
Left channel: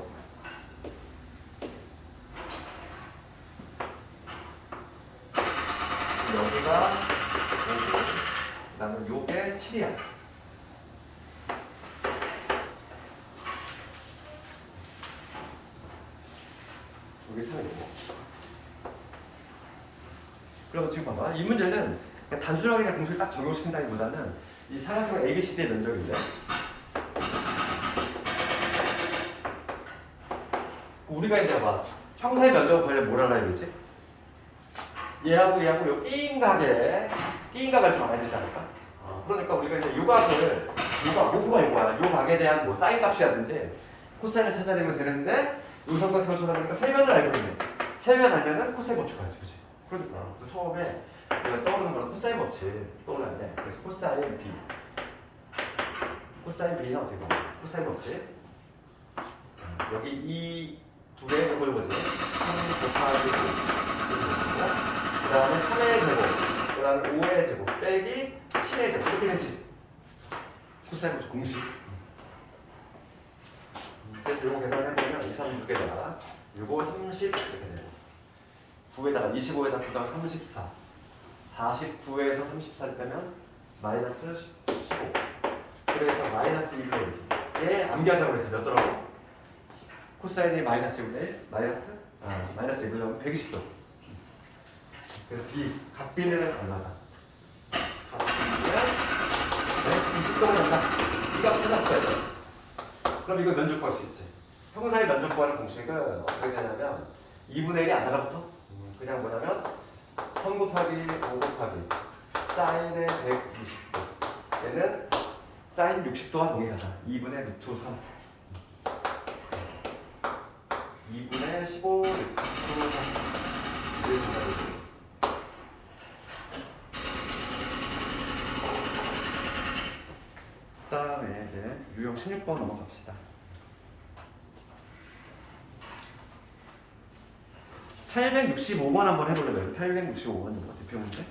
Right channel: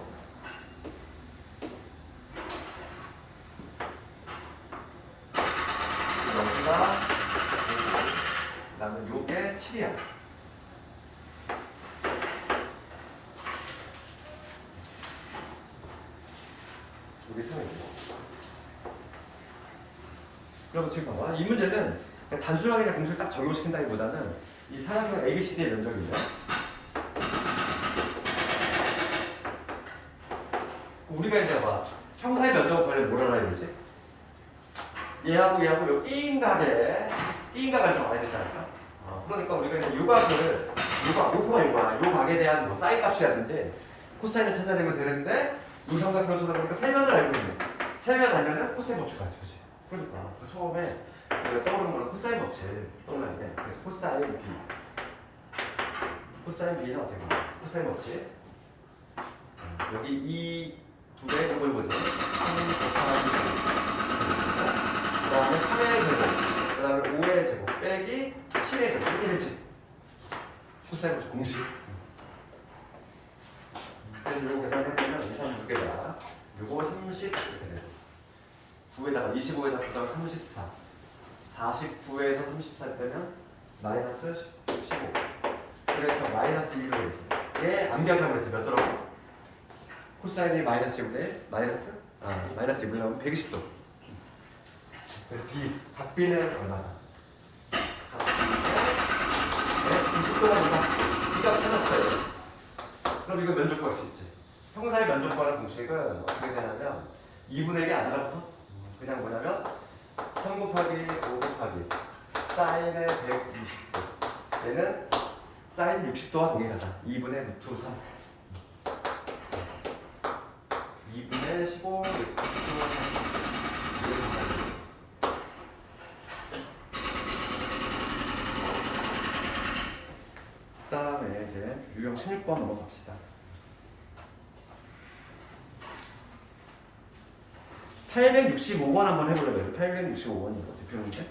여기가 5고 나는 요게 7이야. 여기 3이고. 그럼 지금 봐봐. 이 문제는 단순하게 그냥 공식을 딱 적용시킨다기보다는 이 사각형 ABCD의 면적인데 우리가 이제 봐 평사의 면적을 관련 뭘 알아야 되지? 얘하고 요 끼인 각을 좀 알아야 되지 않을까? 그러니까 우리가 이제 요 각을 요거야 요 각에 대한 뭐 사인 값이라든지 코사인을 찾아내면 되는데 우삼각형을 쳐다보니까 세면을 알게 되네. 세면 알면은 코사인 법칙 알지, 그지? 그러니까 그 처음에 내가 떠오르는 거는 코사인 법칙 떠올라야 돼. 그래서 코사인 B, 코사인 B는 어떻게 말해? 코사인 법칙. 여기 이 두 개의 곱을 보지. 3 곱하기 2. 그 다음에 3의 제곱, 그 다음에 5의 제곱 빼기 7의 제곱 이렇게 되지. 코사인 법칙 공식. 그래서 이거 계산해보면 2, 3, 6에다가 6, 5, 30 이렇게 되죠. 9에다가 25에다가 그다음 34 49에서 34 빼면 마이너스 15 그래서 마이너스 1로 되지. 얘 암기하자고 했지. 몇 도라고? 코사인이 마이너스 1분의 마이너스 2분의 1 120도. 그래서 B, 각 B는 얼마다? 각 B는 20도가 된다. 이 값 찾았어요. 그럼 이거 면적 구할 수 있지. 형사의 면적 구하는 공식은 어떻게 되냐면 2분의 1이 안 달라붙어. 그냥 뭐냐면 3 곱하기 5 곱하기 사인은 120도. 얘는 사인 60도와 동일하다. 2분의 루트 3. 2분의 15 루트 3. 이게 정답이에요. 그 다음에 이제 유형 16번 넘어갑시다. 865번 한번 해볼래요. 865번 이거 대표 문제.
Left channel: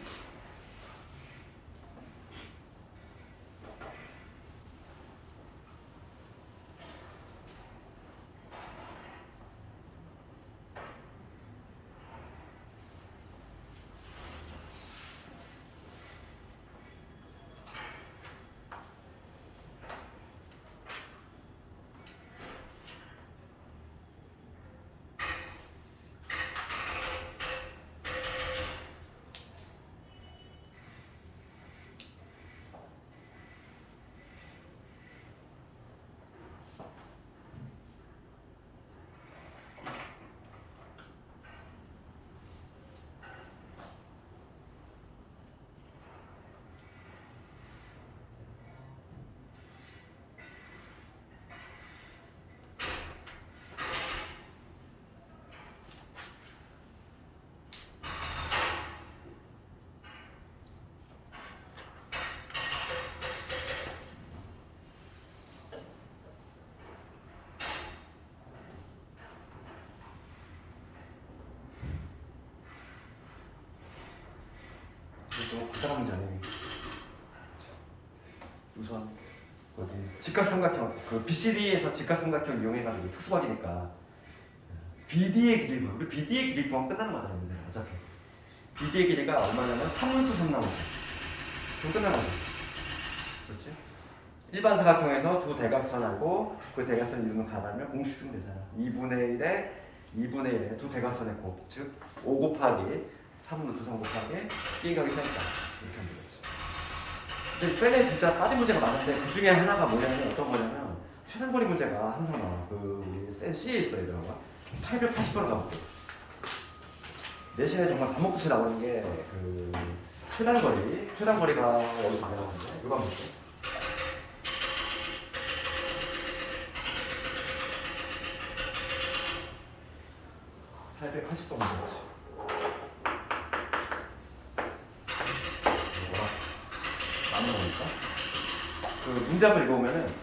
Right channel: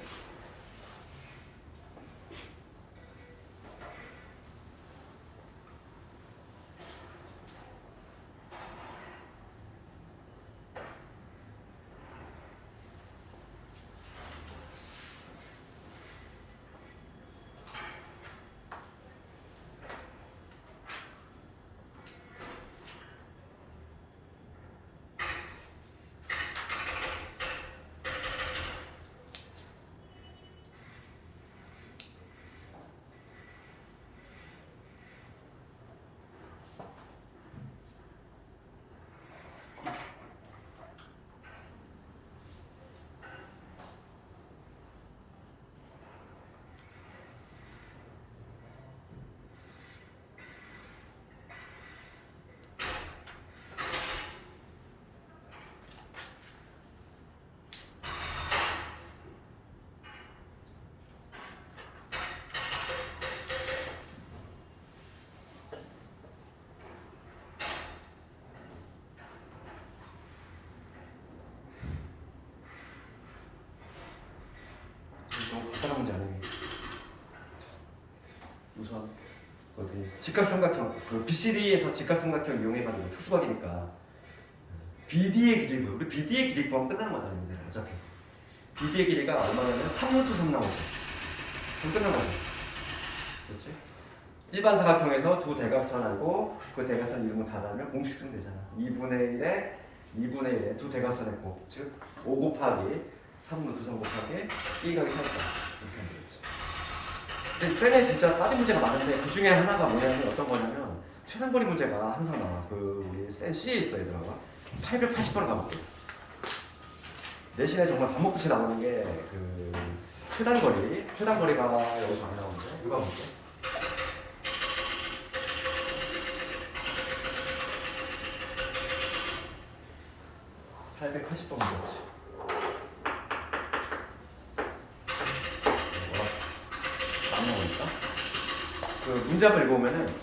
또 간단한 문제 아니니. 우선 거기 직각삼각형 그 BCD에서 직각삼각형 이용해가지고 특수각이니까 BD의 길이 구해. 우리 BD의 길이 구하면 끝나는 거잖아요. 문제는 어차피 BD의 길이가 얼마냐면 3루트 3 나오지. 그럼 끝난 거지. 그렇지? 일반 사각형에서 두 대각선하고 그 대각선 이루는 가다면 공식 쓰면 되잖아. 2분의 1에 두 대각선의 곱, 즉 5 곱하기 3루트 3 곱하기 1 곱하기 4니까 이렇게 하면 되겠지. 근데 쌤에 진짜 빠진 문제가 많은데 그 중에 하나가 뭐냐면 어떤 거냐면 최단거리 문제가 항상 나와. 그 우리 쌤 C에 있어 얘들아가 880번을 가볼게. 내신에 정말 밥 먹듯이 나오는 게 그 최단거리가 여기서 많이 나오는데 이거 한번 볼게요. 880번 문제지. 뭐라? 많이 나오니까. 그 문제 한번 읽어보면은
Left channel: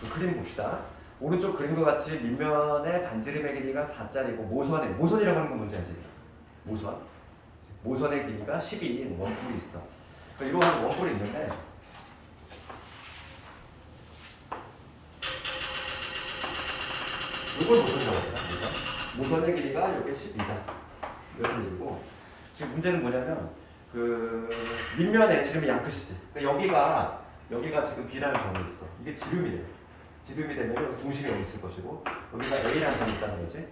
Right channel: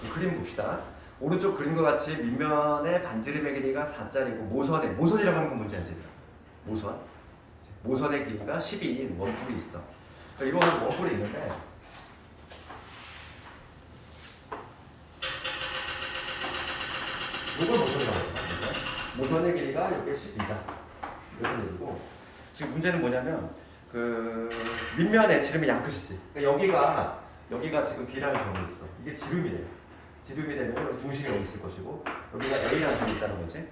그 그림 봅시다. 오른쪽 그림과 같이 밑면의 반지름의 길이가 4짜리고 모선이라고 하는 건 뭔지 알지? 모선의 길이가 12인 원뿔이 있어. 그러니까 이거 원뿔이 있는데 이걸 모선이라고 하잖아. 모선의 길이가 이게 12다. 이런 얘기고 지금 문제는 뭐냐면 그 밑면에 지름이 양끝이지. 그러니까 여기가 지금 B라는 점이 있어. 이게 지름이 돼. 지름이 되면 여기 중심이 여기 있을 것이고 여기가 A라는 점이 있다는 거지.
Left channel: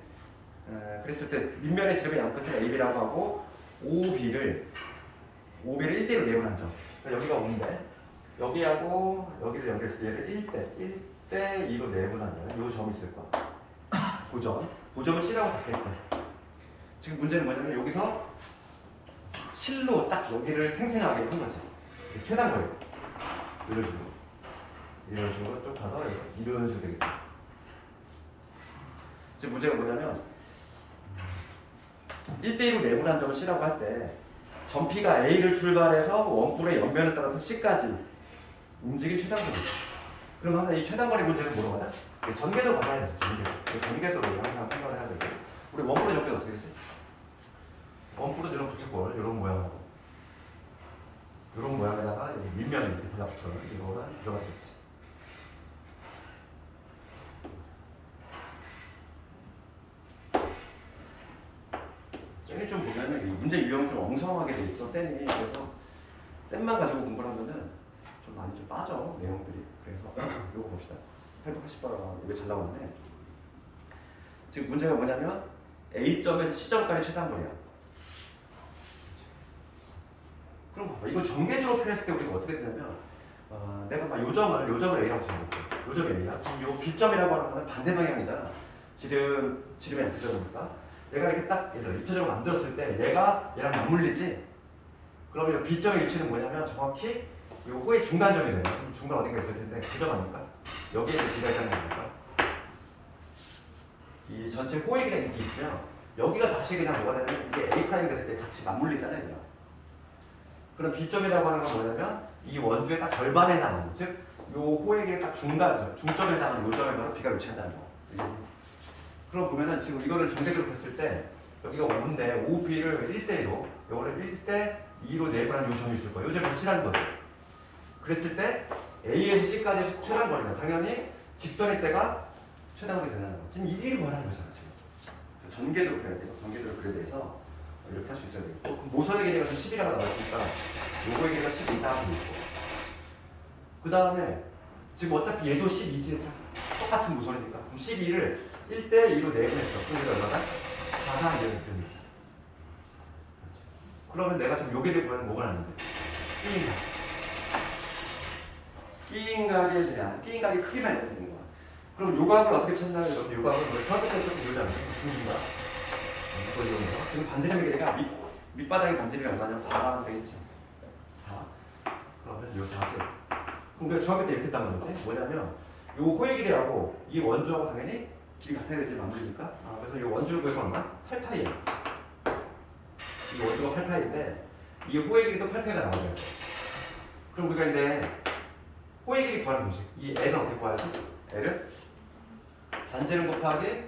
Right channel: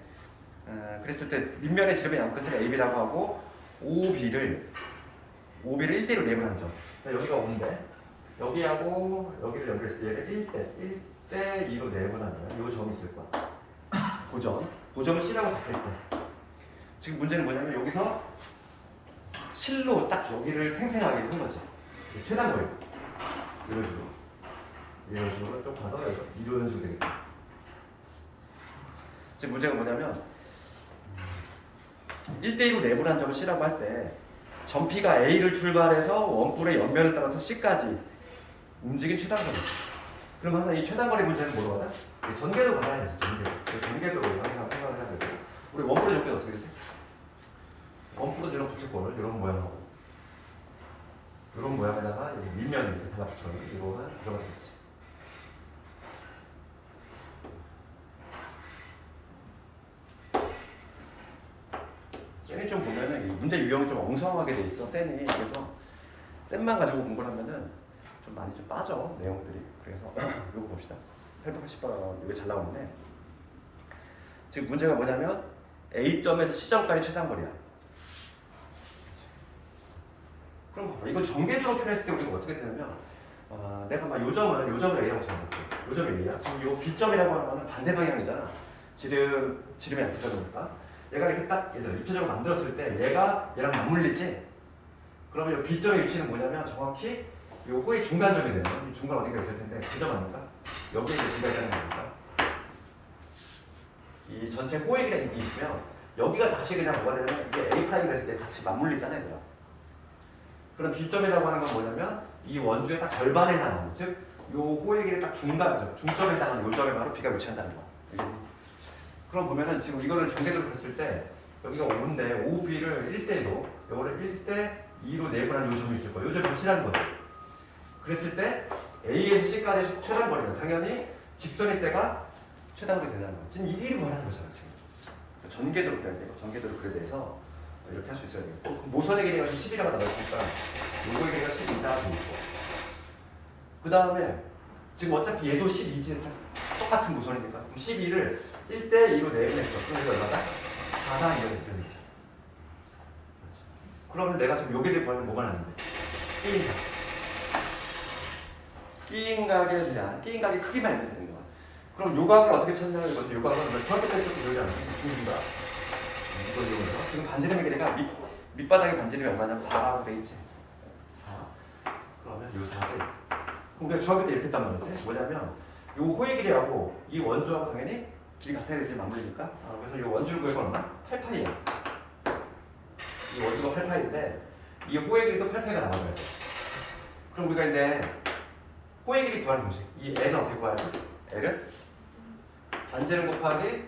그랬을 때 밑면의 지름의 양끝을 AB라고 하고 OB를 1대로 내분한 점. 그러니까 여기가 5인데 여기하고 여기를 연결했을 때 얘를 1대 2로 내분하는 이 점이 있을 거야. 그 점을 C라고 잡겠대. 지금 문제는 뭐냐면 여기서 실로 딱 여기를 팽팽하게 한 거지. 최단거리. 이런 식으로 쭉 가서 이런 식으로 되겠다. 지금 문제가 뭐냐면 1대1로 내분한 점을 C라고 할 때 전피가 A를 출발해서 원뿔의 옆면을 따라서 C까지 움직인 최단거리지. 그럼 항상 이 최단거리 문제는 뭐로 가다? 전개도로 가야 돼. 전개도로 항상 생각을 해야 되고. 우리 원뿔의 전개도 어떻게 되지? 원뿔은 이런 부채꼴 이런 모양하고 이런 모양에다가 여기 밑면이 이렇게 달라붙어요. 이거가 들어가겠지. 쌤이 좀 보면은 이 문제 유형이 좀 엉성하게 돼 있어. 쌤이 그래서 쌤만 가지고 공부를 하면은 좀 많이 좀 빠져 내용들이. 그래서 이거 봅시다. 880번 이거 잘 나왔네. 지금 문제가 뭐냐면 A점에서 C점까지 최단거리야. 그럼 봐봐. 이걸 전개적으로 표현했을 때 우리가 어떻게 되냐면 내가 막 요점을 A라고 잡아볼게. 요점 A야. 그럼 요 B점이라고 하는 거는 반대 방향이잖아. 지름의 F점이니까. 얘가 이렇게 딱 예를 들어 입체적으로 만들었을 때 얘가 얘랑 맞물리지? 그러면 이 B점의 위치는 뭐냐면 정확히 이 호의 중간점이 되는 중간 어딘가 있을 텐데 그 점 아닐까? 여기에 이제 B가 있다는 거 아닐까? 이 전체 호의 길이 있으면 여기가 다시 그냥 뭐가 되냐면 이게 A 프라임이 됐을 때 같이 맞물리잖아요. 얘가. 그럼 B점이라고 하는 건 뭐냐면 이 원주의 딱 절반에 해당하는 즉 이 호의 길이 딱 중간점, 중점에 해당하는 이 점에 바로 B가 위치한다는 거. 그럼 보면은 지금 이거를 전개도로 했을 때 여기가 5인데 5B를 1대2로 이거를 1대2로 내분한 요 점이 있을 거예요. 요 점이 C라는 거죠. 그랬을 때 A에서 C까지 최단거리는 당연히 직선일 때가 최단거리 된다는 거. 지금 이 길이 뭐라는 거잖아. 지금. 전개도로 그려야 돼요. 전개도로 그려야 돼서 이렇게 할 수 있어야 되고 노선의 길이가 10이라고 나와있으니까 요거의 길이가 10이다 하고 있고 그 다음에 지금 어차피 얘도 12지 똑같은 노선이니까 그럼 12를 1대2로 내분했어. 그럼 얼마다? 4다 이렇게 되는 거죠. 그러면 내가 지금 요기를 구하는 뭐가 나는데? 끼인각. 끼인각에 대한 끼인각의 크기만 있면 되는 거야. 그럼 요각을 어떻게 찾냐는 건데 요각은 중학교 때 조금 그러지 않았어요? 중심각. 지금 반지름의 길이가 밑바닥의 반지름이 얼마냐면 4라고 되겠지. 4. 그러면 요 4대. 그럼 우리가 중학교 때 이렇게 했단 말이지. 뭐냐면 요 호의 길이하고 이 원주하고 당연히 길이 같아야 되지 맞물리니까. 그래서 이 원주 구해가 얼마? 8파이야. 이 원주가 8파이인데 이 호의 길이도 8파이가 나와요. 그럼 우리가 이제 호의 길이 구하는 방식. 이 L은 어떻게 구하지? L은 반지름 곱하기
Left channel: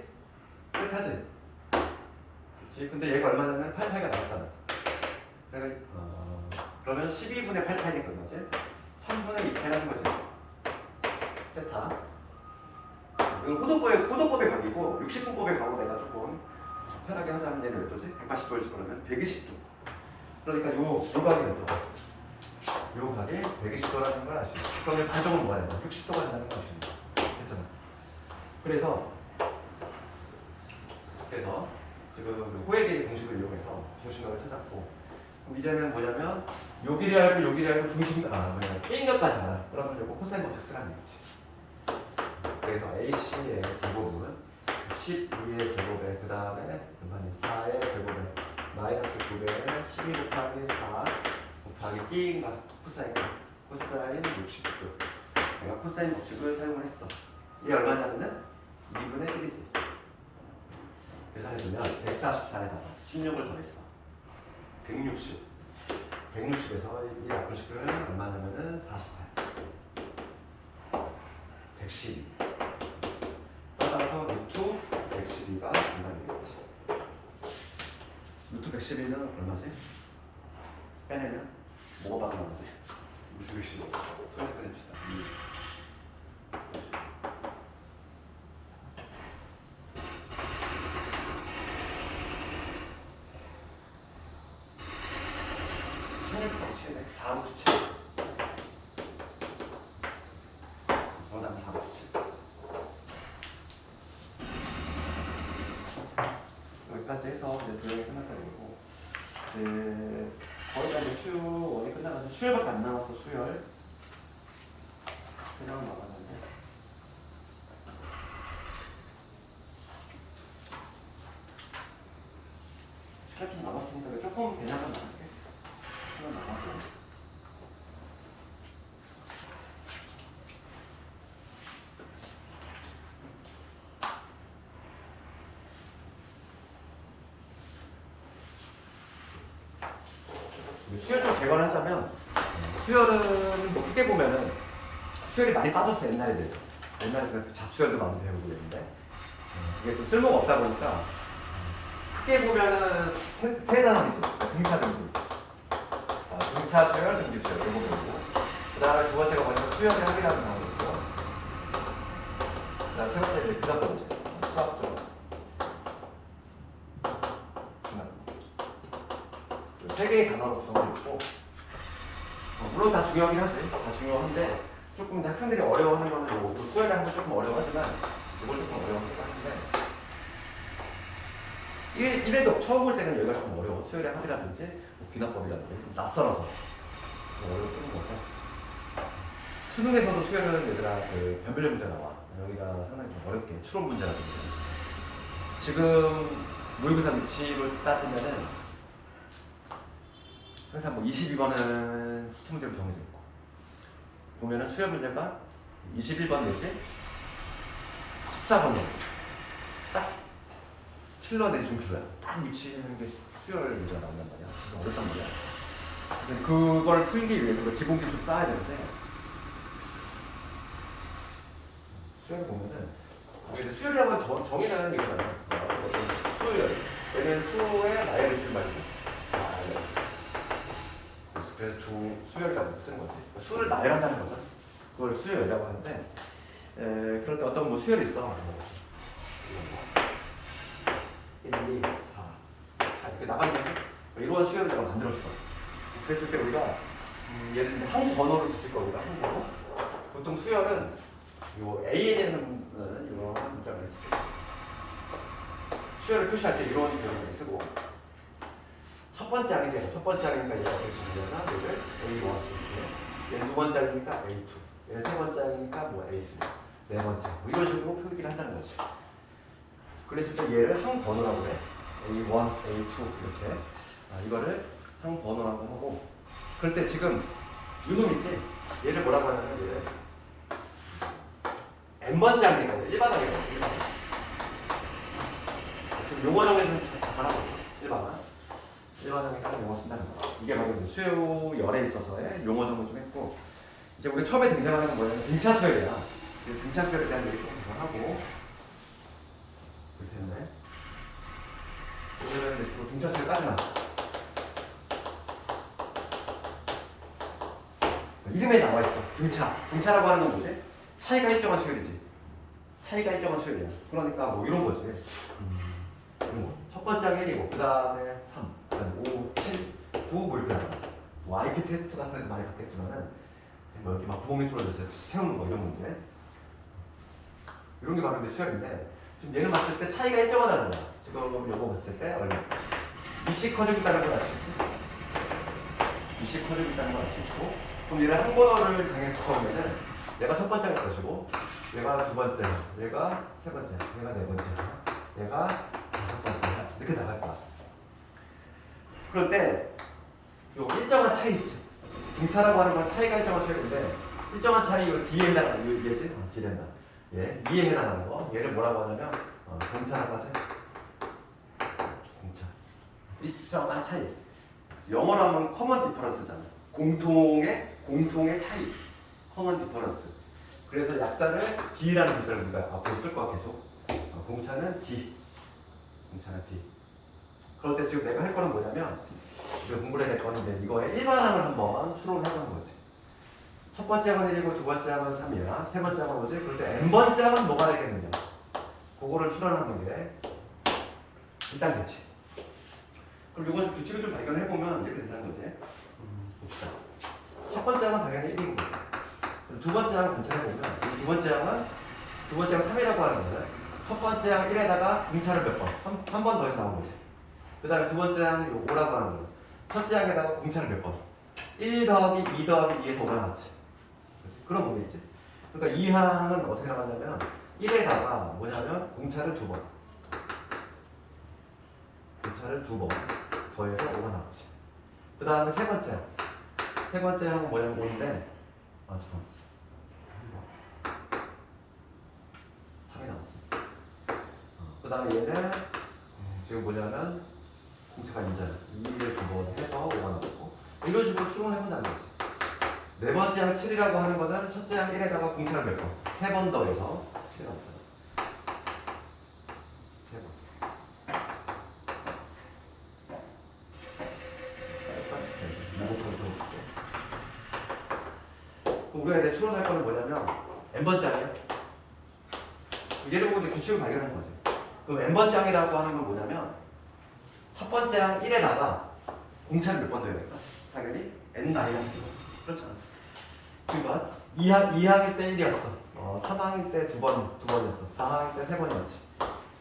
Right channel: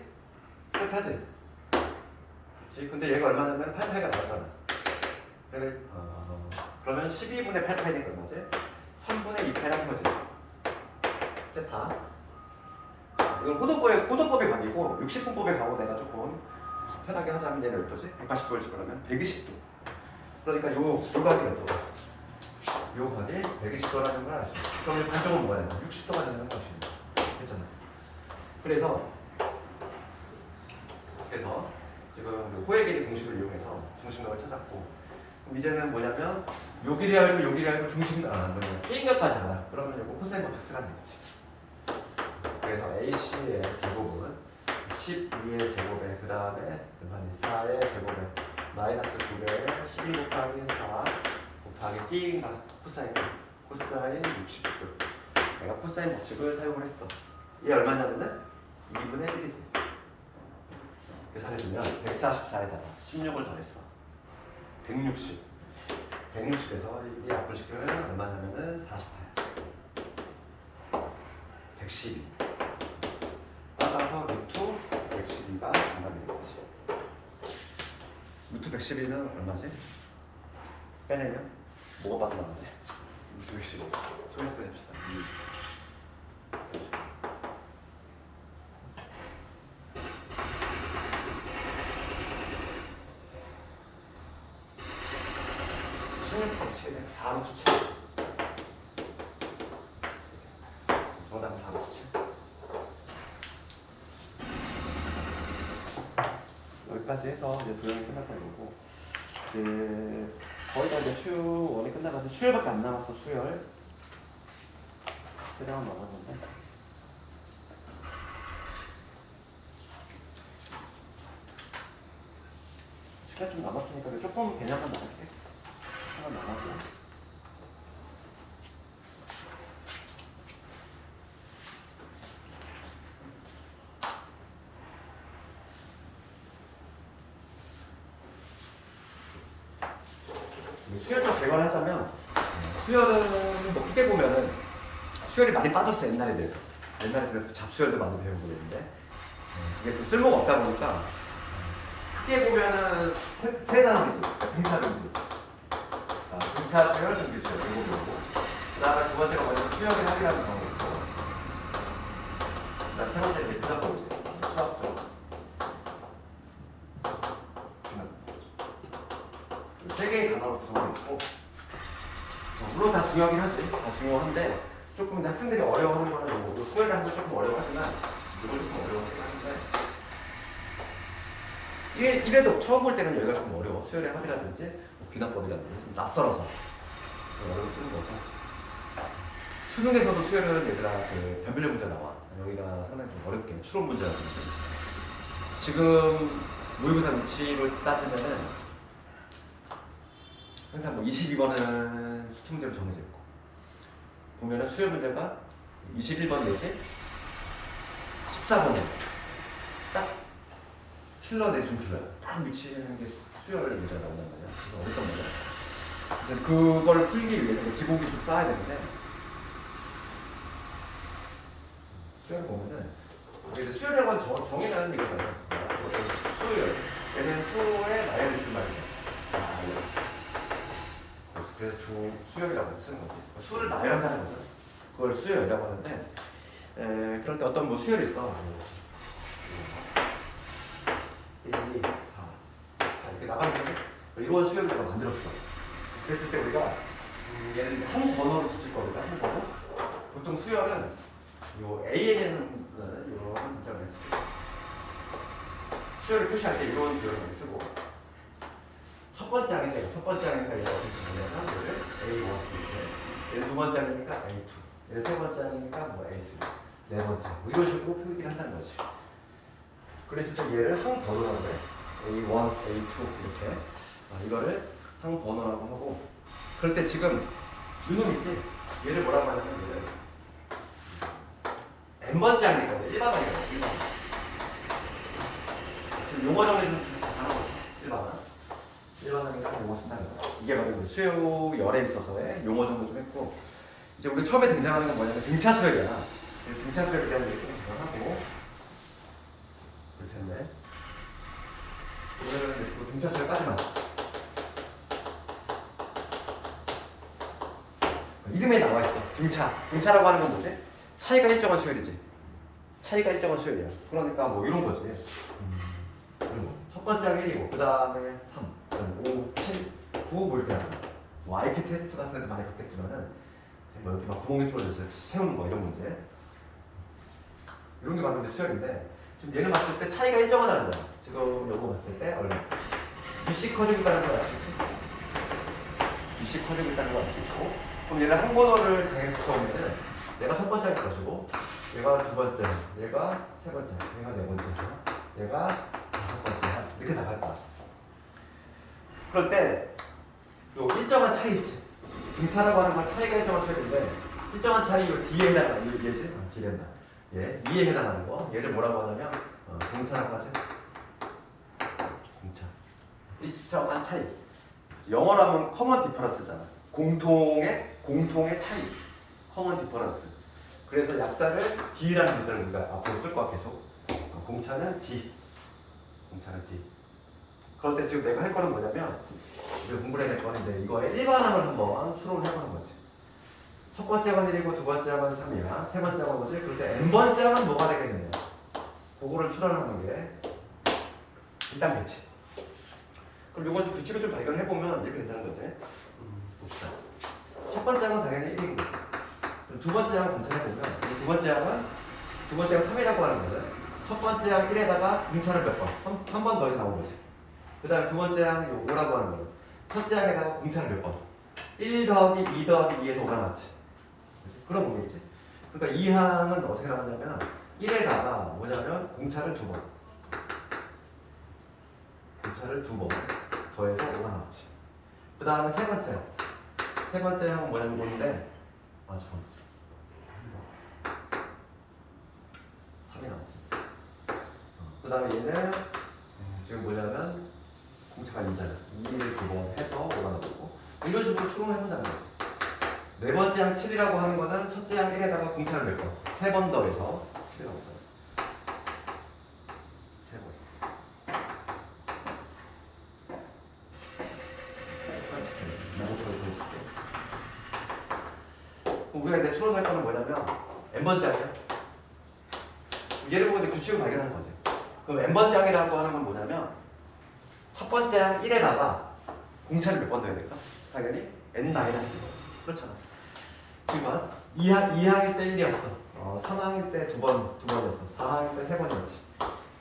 세타지. 그렇지? 근데 얘가 얼마냐면 8파이가 나왔잖아. 그래서 그러면 12분의 8파이 된 거지. 3분의 2파이 하는 거지. 세타. 이건 호도법에 가기고 60분법에 가고 내가 조금 편하게 하자면 얘는 몇 도지? 180도를 집어넣으면 120도. 그러니까 요 각이 몇 도가? 요 각이 120도라는 걸 아시죠? 그럼 이 반쪽은 뭐가 된다? 60도가 된다는 걸 아십니다. 됐잖아. 그래서 지금 호의 길이 공식을 이용해서 중심각을 찾았고 그럼 이제는 뭐냐면 요 길이 알고 중심각 게임각까지 알아. 그러면 요거 코사인 법칙 쓰라는 거지. 그래서 AC의 제곱은 12의 제곱에 그 다음에 4의 제곱에 마이너스 9배 12 곱하기 4 곱하기 끼인각 코사인 60도. 내가 코사인 법칙을 사용을 했어. 이게 얼마냐면은 2분의 1이지. 계산해주면 144에다가 16을 더했어. 160. 160에서 이 약분식을 얼마냐면은 48. 112. 따라서 루트 112가 정답이 되겠지. 루트 112는 얼마지? 빼내면 뭐가 빠져나가지? 루트 112. 소개서 빼냅시다. 정답은 4루트 7. 여기까지 해서 이제 도형이 끝났다고 이제 거의 다 이제 수원이 끝나가서 수열밖에 안 남았어. 수열 그냥 나가는데 시간 좀 남았으니까 조금 개념만 나갈게. 한번 나가고 수열 좀 개관을 하자면 수열은 뭐 크게 보면은 수열이 많이 빠졌어 옛날에 비해서. 옛날에 그 잡수열도 많이 배우고 그랬는데 이게 좀 쓸모가 없다 보니까 크게 보면은 세 단어지. 등차등급. 등차 수열, 등기 수열 이런 거고. 그다음에 두 번째가 뭐냐면 수열의 합이라는 단어가 있고. 그다음 세 번째는 이제 분학도지. 수학적. 세 개의 단어로 구성되어 있고 물론 다 중요하긴 하지. 다 중요한데 조금 학생들이 어려워하는 거는 요거 또 수열하는 게 조금 어려워하지만 이걸 조금 어려워하긴 하는데 이래도 처음 볼 때는 여기가 좀 어려워. 수열의 합이라든지 뭐 귀납법이라든지 좀 낯설어서 좀 어려워 뜨는 거고 수능에서도 수열은 얘들아 그 변별력 문제 나와. 여기가 상당히 좀 어렵게 추론 문제라든지 지금 모의고사 위치로 따지면은 항상 뭐 22번은 수투 문제로 정해져 있고 보면은 수열 문제가 21번 내지 14번 정도 딱 킬러 내지 중킬러야. 딱 위치하는 게 수열 문제가 나온단 말이야. 그래서 어렵단 말이야. 그래서 그걸 풀기 위해서 기본 기술 쌓아야 되는데 수열을 보면은 수열이라고 하면 정의는 이거잖아. 수열 얘는 수의 나열을 줄 말이야. 그래서 수열이라고 쓰는 거지. 수를 나열한다는 거죠. 그걸 수열이라고 하는데 그럴 때 어떤 뭐 수열이 있어. 뭐 1, 2, 4 이렇게 나가면 이런 수열을 내가 만들었어. 그랬을 때 우리가 예를 들면 한 번호를 붙일 거 우리가 한 번호. 보통 수열은 요 AN에는 이런 문장을 했을 때 수열을 표시할 때 이런 표현을 쓰고 첫 번째 항이죠. 첫 번째 항이니까 얘가 어떻게 쓰냐면 얘를 A1 이렇게 얘는 두 번째 항이니까 A2 얘는 세 번째 항이니까 뭐 A3 네 번째 뭐 이런 식으로 표기를 한다는 거지. 그랬을 때 얘를 항 번호라고 해. A1, A2 이렇게 이거를 항 번호라고 하고 그럴 때 지금 이놈 있지? 얘를 뭐라고 하냐면 얘를 N번째 항이니까 일반항이에요. 일반항. 지금 용어 정해준 하나 일반항. 일반항이니까 용어 쓴다는 거. 이게 바로 이제 수열에 있어서의 용어 정도 좀 했고 이제 우리 처음에 등장하는 건 뭐냐면 등차 수열이야. 등차 수열에 대한 얘기 조금 더 하고 그럴 텐데 오늘은 이제 주로 등차 수열까지 나왔어. 이름에 나와 있어. 등차. 등차라고 하는 건 뭐지? 차이가 일정한 수열이지. 차이가 일정한 수열이야. 그러니까 뭐 이런 거지. 첫 번째 항이 1이고 그 다음에 3, 그 다음에 5, 7, 9 뭐 이렇게 나온다. 뭐 IQ 테스트 같은 데도 많이 봤겠지만은 뭐 여기 막 구멍이 뚫어져서 세우는 거 이런 문제 이런 게 바로 이제 수열인데 지금 얘는 봤을 때 차이가 일정하다는 거야. 지금 요거 봤을 때 얼마? BC 커지고 있다는 걸 알 수 있지? BC 커지고 있다는 걸 알 수 있고 그럼 얘를 한 번호를 당연히 처음에는 내가 첫 번째일 것이고 얘가 두 번째, 얘가 세 번째, 얘가 네 번째, 얘가 다섯 번째 이렇게 나갈 거야. 그럴 때 요 일정한 차이 있지. 등차라고 하는 건 차이가 일정한 수열인데 일정한 차이 요 D에 해당하는 얘지? D에 해당. 얘 E에 해당하는 거. 얘를 뭐라고 하냐면 공차라고 하지. 공차. 일정한 차이. 영어로 하면 common difference잖아. 공통의 차이. common difference. 그래서 약자를 D라는 문자를 우리가 앞으로 쓸 거야 계속. 공차는 D. 공차는 D. 그럴 때 지금 내가 할 거는 뭐냐면 우리가 공부를 해야 될 거는데 이거의 일반항을 한번 추론을 해보는 거지. 첫 번째 항은 1이고 두 번째 항은 3이야. 세 번째 항은 뭐지? 그럴 때 N번째 항은 뭐가 되겠느냐. 그거를 추론하는 게 1단계지. 그럼 요거 좀 규칙을 좀 발견을 해보면 이렇게 된다는 거지. 봅시다. 첫 번째 항은 당연히 1이고 두 번째 항 관찰해보면 이 두 번째 항은 3이라고 하는 거거든. 첫 번째 항 1에다가 공차를 몇 번? 한 번 더해서 나온 거지. 그 다음에 두 번째 항이 5라고 하는 거는 첫째 항에다가 공차를 몇 번? 1 더하기 2 더하기 2에서 5가 나왔지. 그럼 뭐겠지? 그러니까 이 항은 어떻게 나가냐면 1에다가 뭐냐면 공차를 2번. 공차를 2번 더해서 5가 나왔지. 그 다음에 세 번째 항. 세 번째 항은 뭐냐면 뭔데? 잠깐만. 3이 나왔지. 그 다음에 얘는 지금 뭐냐면 공차가 2잖아. 2를 2번 해서 5가 나왔고 이런 식으로 추론을 해본단 말이지. 네 번째 항 7이라고 하는 거는 첫째 항 1에다가 공차를 몇 번? 3번 더해서 7이 나오잖아. 3번. 똑같이 써야지. 2 곱하기 3 줄게. 우리가 이제 추론할 거는 뭐냐면 n번째 항이야. 얘를 보고 이제 규칙을 발견하는 거지. 그럼 n번째 항이라고 하는 건 뭐냐면 첫 번째 항 1에다가 공차를 몇 번 더해야 될까? 당연히 n-1. 그렇잖아. 그러니까 2항일 때 1이었어. 3항일 때 두 번이었어. 4항일 때 3번이었지.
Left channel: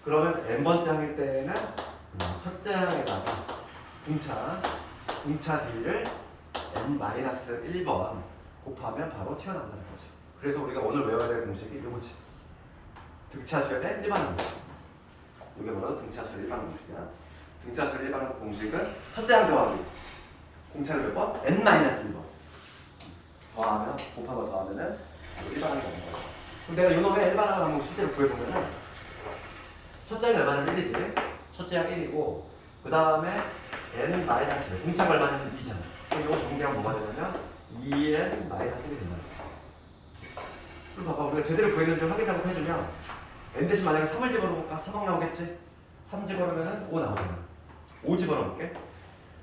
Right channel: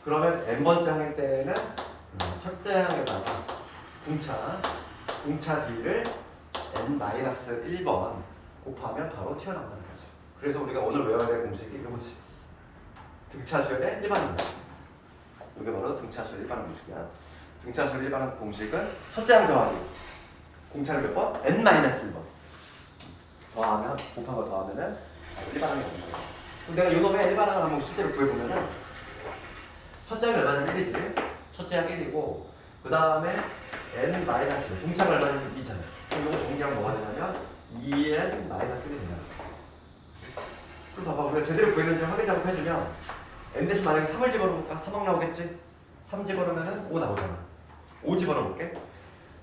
그러면 n번째 항일 때는 첫째 항에다가 공차 d를 n-1번 곱하면 바로 튀어나온다는 거죠. 그래서 우리가 오늘 외워야 될 공식이 이거지. 등차수열의 일반항 공식. 이게 바로 등차수열 일반항 공식이야. 등차수열 일반항 공식은 첫째 항 더하기 공차를 몇 번? n-1번 더하면 곱하고 더하면은 일반항이 나온다. 그럼 내가 이놈의 일반항을 한번 실제로 구해보면은 첫째 항 얼마는 1이지. 첫째 항 1이고 그 다음에 n-1 공차가 얼마는 2잖아. 그럼 이거 정리하면 뭐가 되냐면 2n-1이 된다. 그럼 봐봐, 우리가 제대로 구했는지 확인 작업해주면 n 대신 만약에 3을 집어넣어볼까? 3항 나오겠지? 3 집어넣으면 5 나오잖아. 5 집어넣어볼게.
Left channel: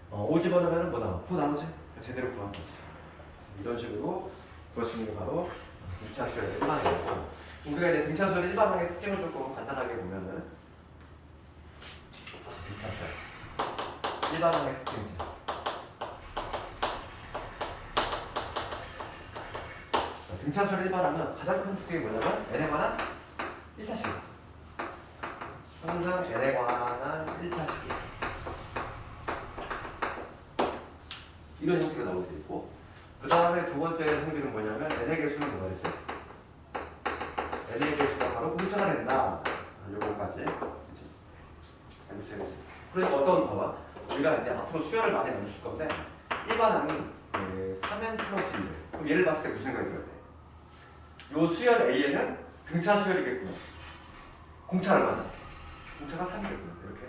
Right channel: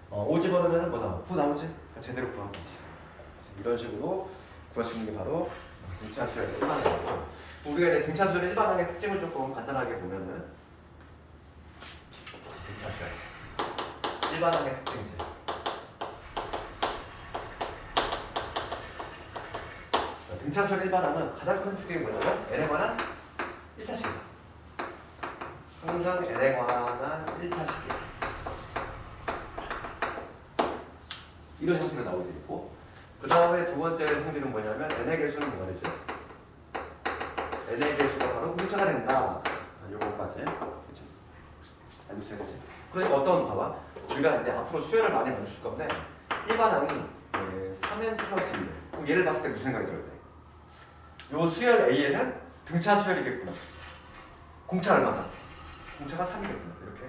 5 집어넣으면 뭐 나와? 9 나오지? 그러니까 제대로 구한 거지. 이런 식으로 구할 수 있는 게 바로 등차수열의 일반항이고, 우리가 이제 등차수열의 일반항의 특징을 조금 간단하게 보면은 등차수열 일반항의 특징이지. 등차수열 일반항은 가장 큰 특징이 뭐냐면 n에 관한 1차식이야. 항상 n에 관한 1차식이야. 이런 형태가 나오게 되고, 그 다음에 두 번째 형태는 뭐냐면 n의 개수는 뭐였지? n의 개수가 바로 공차가 된다. 요거까지. 그치? 알겠지? 그러니까 어떤 봐봐. 우리가 이제 앞으로 수열을 많이 만들 건데 일반항이 3n 플러스 1. 그럼 얘를 봤을 때 무슨 생각이 들어야 돼? 요 수열 A에는 등차 수열이겠구나. 공차 얼마나? 공차가 3이겠구나. 이렇게.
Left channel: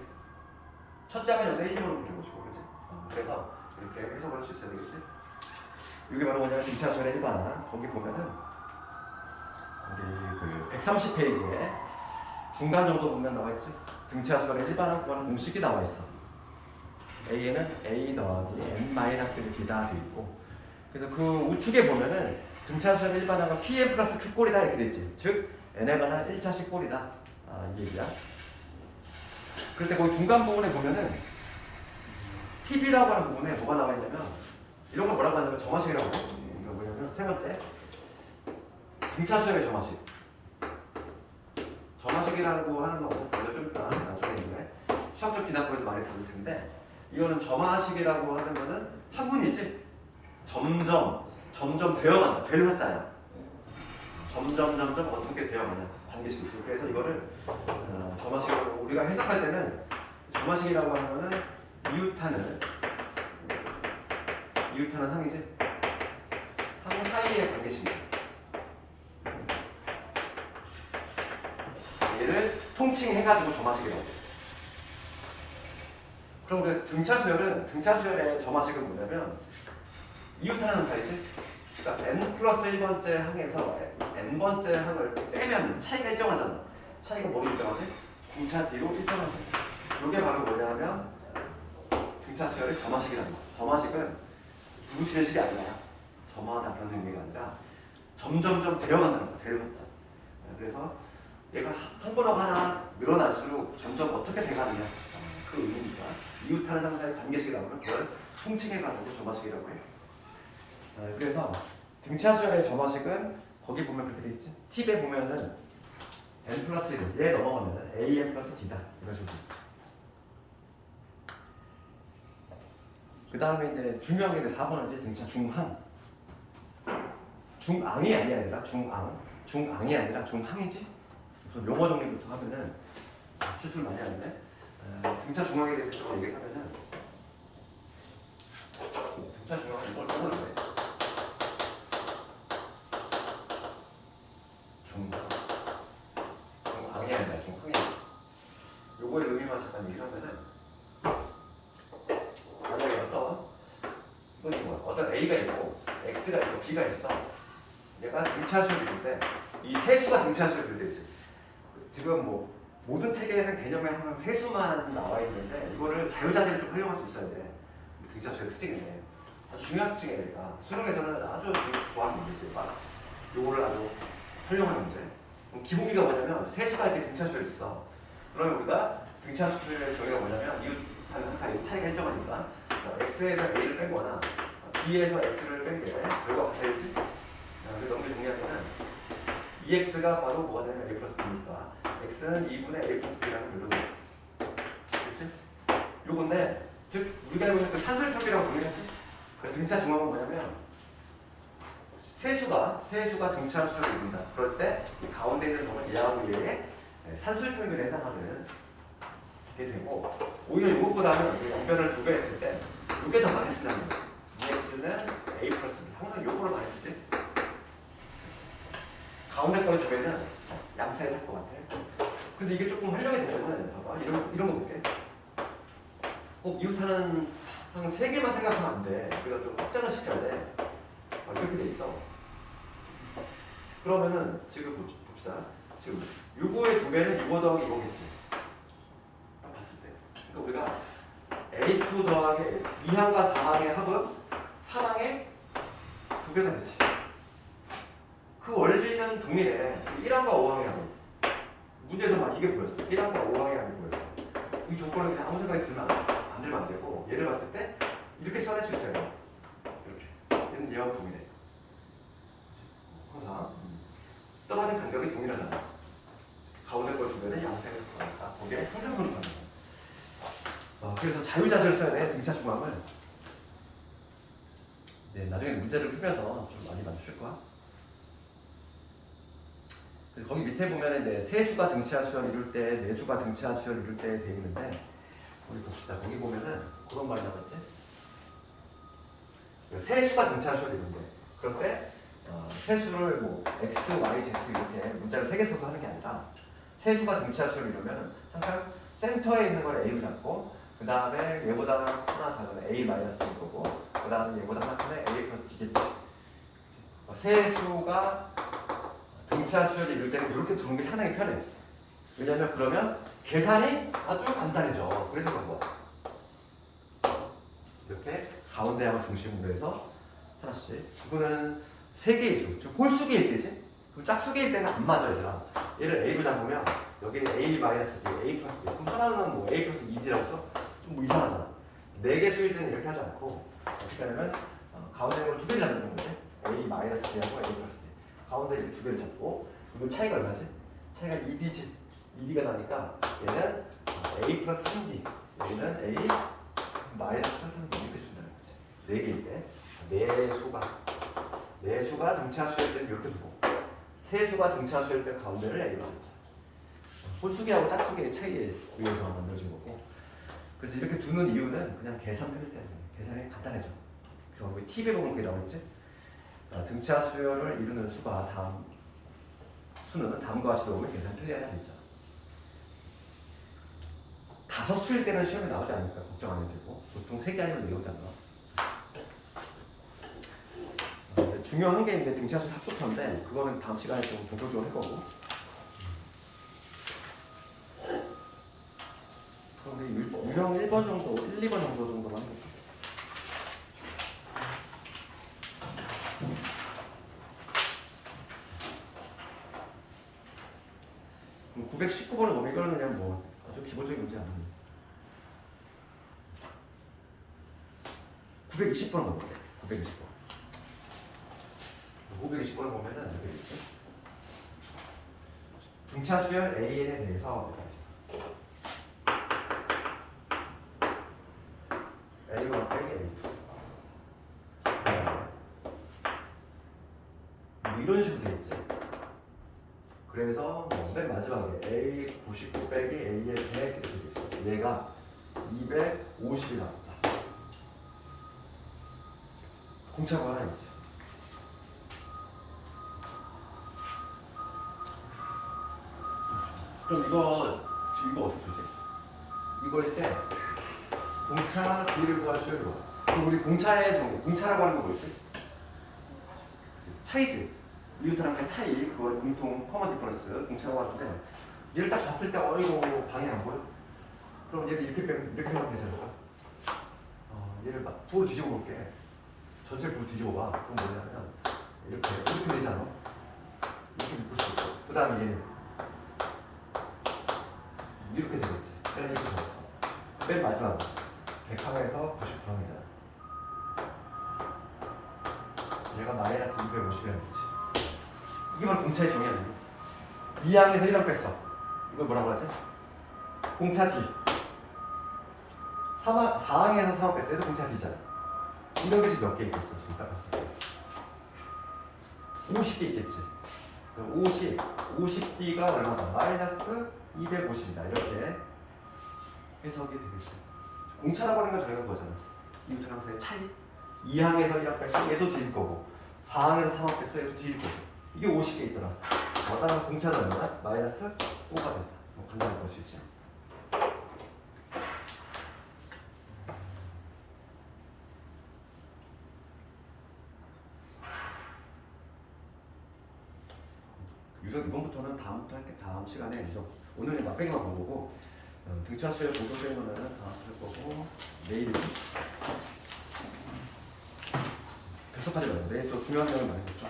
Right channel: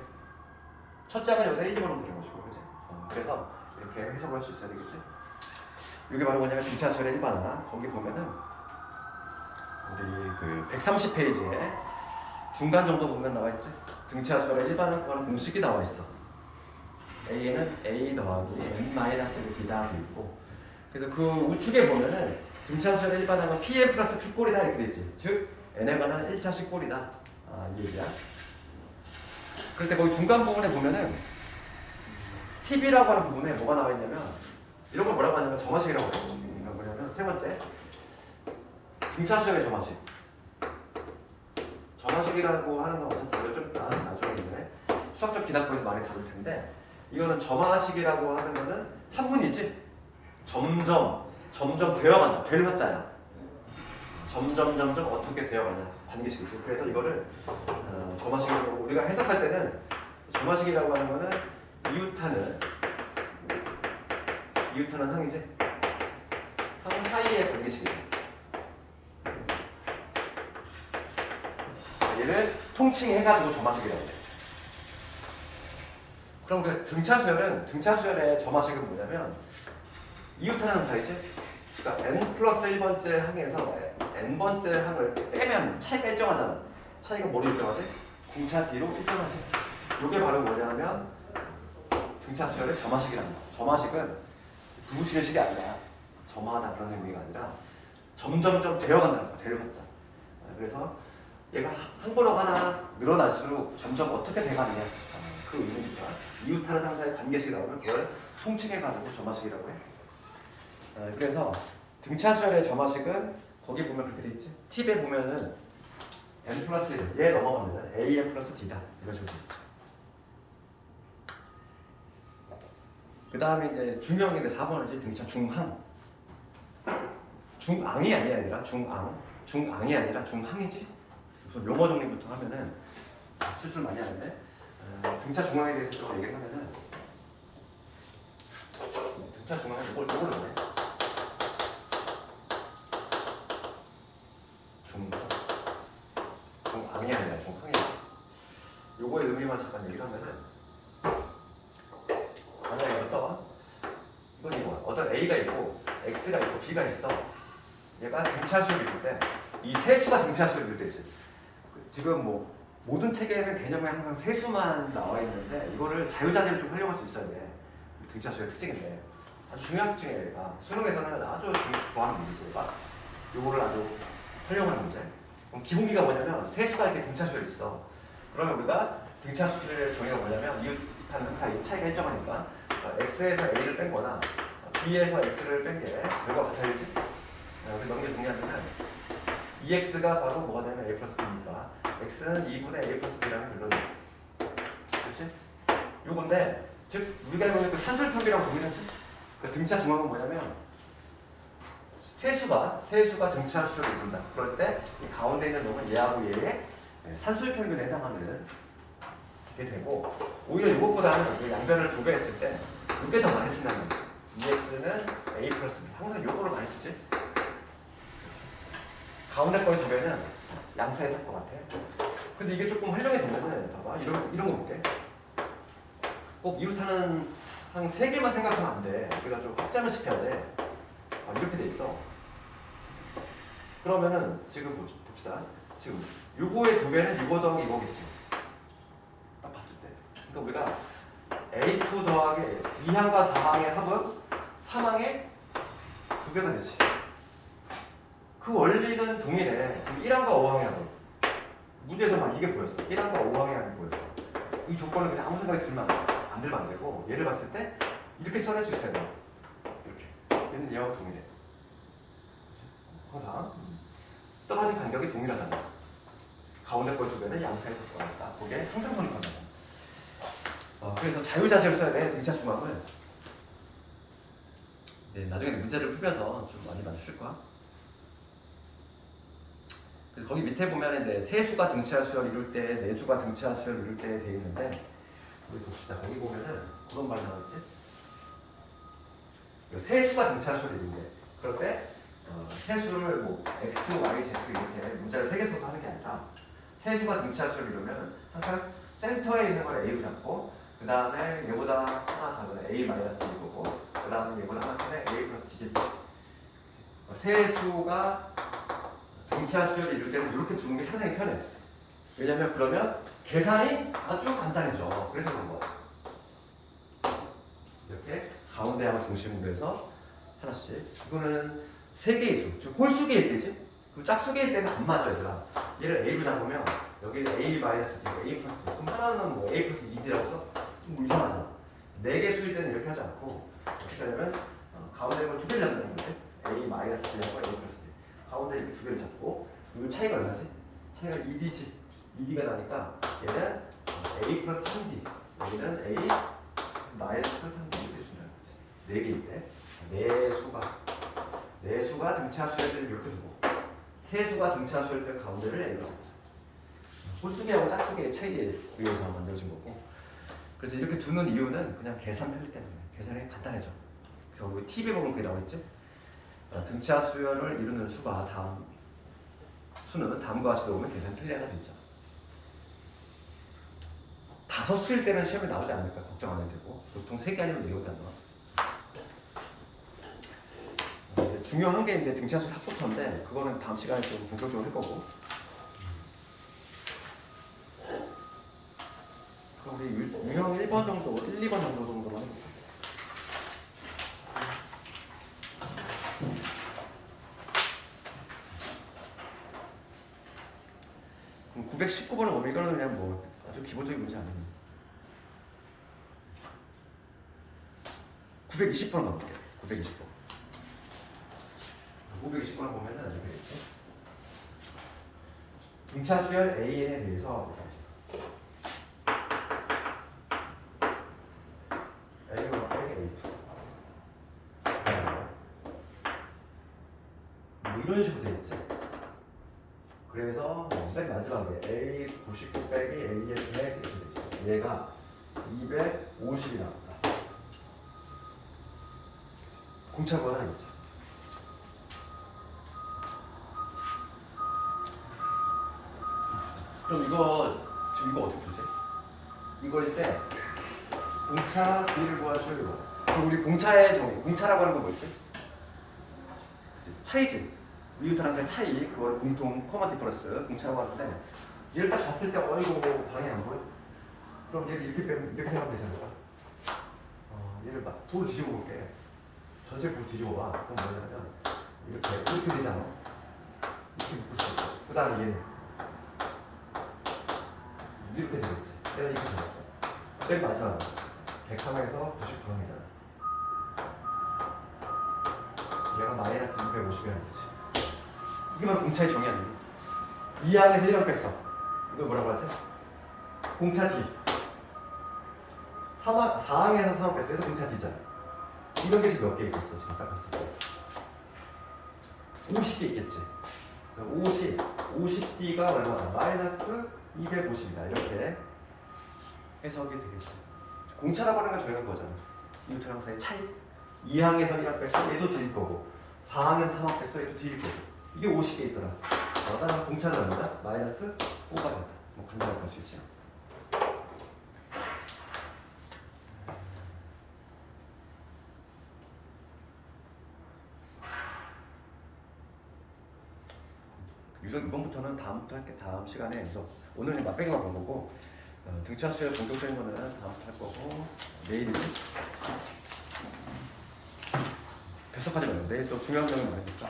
첫째 항은 여기서 1 집어넣으면 되는 것이고, 그치? 그래서 이렇게 해석을 할 수 있어야 되겠지? 이게 바로 뭐냐면 등차 수열의 일반항. 거기 보면은 우리 그 130페이지에 중간 정도 보면 나와 있지? 등차 수열의 일반항 구하는 공식이 나와 있어. A에는 A 더하기 n-1d다 돼 있고, 그래서 그 우측에 보면은 등차 수열의 일반항은 Pn 플러스 Q꼴이다 이렇게 돼 있지. 즉 n에 관한 1차식 꼴이다. 이 얘기야. 그럴 때 거기 중간 부분에 보면은 TB라고 하는 부분에 뭐가 나와 있냐면 이런 걸 뭐라고 하냐면 점화식이라고 해요. 그러니까 뭐냐면 세 번째 등차 수열의 점화식. 점화식이라고 하는 건 어차피 좀 이따 나중에 있네. 수학적 기납부에서 많이 다룰 텐데, 이거는 점화식이라고 하는 거는 화분이지. 점점 되어간다. 될 화자야. 점점 어떻게 되어가냐. 반기식이지. 그래서 이거를 점화식으로 우리가 해석할 때는 점화식이라고 하는 거는 이웃하는 항이지. 항 사이의 반기식이지. 얘를 통칭해가지고 점화식이라고 해. 그럼 그 등차수열의 점화식은 뭐냐면 이웃하는 사이지. 그러니까 n 플러스 1번째 항에서 n번째 항을 빼면 차이가 일정하잖아. 차이가 뭐로 일정하지? 공차 D로 일정하지. 이게 바로 뭐냐면 등차수열의 점화식이란다. 점화식은 부부치는 식이 아니야. 점화하다 그런 의미가 아니라 점점 되어간다는 거야. 되어갔자. 그래서 얘가 한 번호 하나 늘어날수록 점점 어떻게 돼가느냐. 그 의미니까 이웃하는 항사의 관계식이 나오면 그걸 통칭해가지고 점화식이라고 해. 그래서 등차수열의 점화식은 거기 보면 그렇게 돼 있지. 팁에 보면은 n 플러스 1, 얘 넘어가면은 an 플러스 d다 이런 식으로 돼 있지. 그 다음에 이제 중요한 게 이제 4번이지. 등차 중항. 중앙이 아니라 중앙이 아니라 중항이지. 그래서 용어 정리부터 하면은 실수를 많이 하는데, 등차 중앙에 대해서 좀 얘기하면은 등차 중앙에 이걸 떠오르네. 중앙이 아니라 중항이. 요거의 의미만 잠깐 얘기하면은 만약에 어떤 이건 이거 A가 있고 X가 있고 B가 있어. 얘가 등차수를 이룰 때 이 세수가 등차수를 이룰 때지. 지금 뭐 모든 책에는 개념에 항상 세수만 나와 있는데 이거를 자유자재로 좀 활용할 수 있어야 돼. 등차수의 특징인데 아주 중요한 특징이야. 얘가 수능에서는 아주 좋아하는 문제지. 이거를 아주 활용하는 문제. 그럼 기본기가 뭐냐면 세수가 이렇게 등차수가 있어. 그러면 우리가 등차수의 정의가 뭐냐면 이하는 항상 이 차이가 일정하니까 x에서 a를 뺀 거나 b에서 x를 뺀 게 결과 같아야지. 우리 넘겨 정리하면 2x가 바로 뭐가 되면 a 플러스 b니까 x는 2분의 a 플러스 b라는 결론이야. 그렇지? 요건데 즉 우리가 이거는 그 산술표기라고 보이는지 그 등차 중앙은 뭐냐면 세수가 등차수를 이룬다. 그럴 때 이 가운데 있는 놈은 얘하고 얘의 산술평균에 해당하는 게 되고 오히려 이것보다는 그 양변을 두 배 했을 때 이게 더 많이 쓴다는 거예요. 2x는 a 플러스 b 항상 요거를 많이 쓰지. 가운데 거의 두 배는 양사에 할 것 같아. 근데 이게 조금 활용이 되면은 봐봐 이런 거 볼게. 꼭 이웃하는 한 세 개만 생각하면 안 돼. 우리가 좀 확장을 시켜야 돼. 이렇게 돼 있어. 그러면은 지금 봅시다. 지금 요거의 두 배는 이거 더하기 이거겠지. 딱 봤을 때. 그러니까 우리가 A2 더하기 2항과 4항의 합은 3항의 두 배가 되지. 그 원리는 동일해. 1항과 5항의 합은. 문제에서만 이게 보였어. 1항과 5항의 합이 보였어. 이 조건을 그냥 아무 생각이 들면 안 되고 얘를 봤을 때 이렇게 써낼 수 있어요. 이렇게. 얘는 얘하고 동일해. 항상 떨어진 간격이 동일하잖아. 가운데 거 두 배는 양수에 들어가니까 그게 항상 성립한다. 그래서 자유자재를 써야 돼. 등차 중앙을. 네, 나중에 문제를 풀면서 좀 많이 맞추실 거야. 그래서 거기 밑에 보면은 네, 세수가 등차수열 이룰 때, 내수가 등차수열 이룰 때 돼 있는데 거기 봅시다. 거기 보면은 그런 말이 나왔지. 세수가 등차수열 이룰 때, 그럴 때 세수를 뭐 x, y, z 이렇게 문자를 세 개 써서 하는 게 아니라 세수가 등차수를 이루면 항상 센터에 있는 걸 a로 잡고 그 다음에 얘보다 하나 작은 a 마이너스 b일 거고 그 다음에 얘보다 하나 큰 a 플러스 b겠지. 세수가 등차수를 이룰 때는 이렇게 두는 게 상당히 편해. 왜냐면 그러면 계산이 아주 간단해져. 그래서 그런 거야. 이렇게 가운데하고 중심으로 해서 하나씩. 이거는 세 개의 수, 즉 홀수계일 때지. 그럼 짝수계일 때는 안 맞아 얘들아. 얘를 a로 잡으면 여기는 a 마이너스 b, a 플러스 b. 그럼 하나는 뭐 a 플러스 2d라고 써? 좀 이상하잖아. 네 개 수일 때는 이렇게 하지 않고 어떻게 하냐면 가운데를 두 개를 잡는다는 거지. a 마이너스 b하고 a 플러스 b. 가운데 이렇게 두 개를 잡고 그리고 차이가 얼마지? 차이가 2d지. 2d가 나니까 얘는 a 플러스 3d, 얘는 a 마이너스 3d 이렇게 준다는 거지. 네 개일 때. 내수가 등차수일 때는 이렇게 두고 세수가 등차수일 때 가운데를 A로 했죠. 홀수계하고 짝수계의 차이에 의해서 만들어진 거고. 그래서 이렇게 두는 이유는 그냥 계산 편리 때문에. 계산이 간단해져. 그래서 우리 팁에 보면 그게 나와있지. 등차수열을 이루는 수가 수는 다음과 같이 나오면 계산 편리하다 진짜. 다섯 수일 때는 시험에 나오지 않으니까 걱정 안 해도 되고 보통 3개 아니면 4개밖에 안 나와. 중요한 게 있는데 등차수 합부터인데 그거는 다음 시간에 좀 본격적으로 할 거고. 그럼 우리 유형 1번 정도, 1, 2번 정도만 해볼까? 그럼 919번을 보면 이거는 그냥 뭐 아주 기본적인 문제 아니에요. 920번을 가볼게. 920번. 520번을 보면은 여기 이렇게 등차수열 AN에 대해서 뭐가 있어? A1 빼기 A2 뭐 이런 식으로 되어 있지. 그래서 맨 마지막에 A99 빼기 A1 100 이렇게 되어 있어. 얘가 250이 나왔다. 공차고 하나 있지. 그럼 지금 이거 어떻게 풀지? 이거일 때 공차 D를 구하시오 이거. 그럼 우리 공차의 정의, 공차라고 하는 건 뭐지? 차이지. 뉴턴 항상 차이, 그걸 공통 코먼 디퍼런스 공차라고 하는데 얘를 딱 봤을 때 이거 방해 안 보여? 그럼 얘를 이렇게 빼면 이렇게 생각하면 되지 않을까? 얘를 막 돌을 뒤집어 볼게. 전체를 돌 뒤집어 봐. 그럼 뭐냐면 이렇게 되잖아. 이렇게 묶을 수 있고. 그 다음에 얘는 이렇게 되겠지. 내가 이렇게 잡았어. 맨 마지막은 100항에서 90항이잖아. 얘가 마이너스 250이라는 거지. 이게 바로 공차의 정의 아니니? 2항에서 1항 뺐어. 이걸 뭐라고 하지? 공차 D. 4항에서 3항 뺐어. 얘도 공차 D잖아. 이런 게 지금 몇 개 있겠어? 지금 딱 봤을 때 50개 있겠지. 그럼 50D가 얼마다? 마이너스 250이다. 이렇게 해석이 되겠지. 공차라고 하는 건 저희가 거잖아. 뉴턴 항상의 차이. 2항에서 1항 뺐어. 얘도 D일 거고 4항에서 3항 뺐어. 얘도 D일 거고. 이게 50개 있더라. 따라서 공차는 얼마다? 마이너스 5가 된다. 뭐 간단하게 볼 수 있지. 유선 이번부터는 다음부터 할게. 다음 시간에 유선. 오늘은 맛배기만 본 거고 등차수의 본격적인 거는 다음부터 할 거고 내일은 결석하지 말고 내일 또 중요한 내용이 많으니까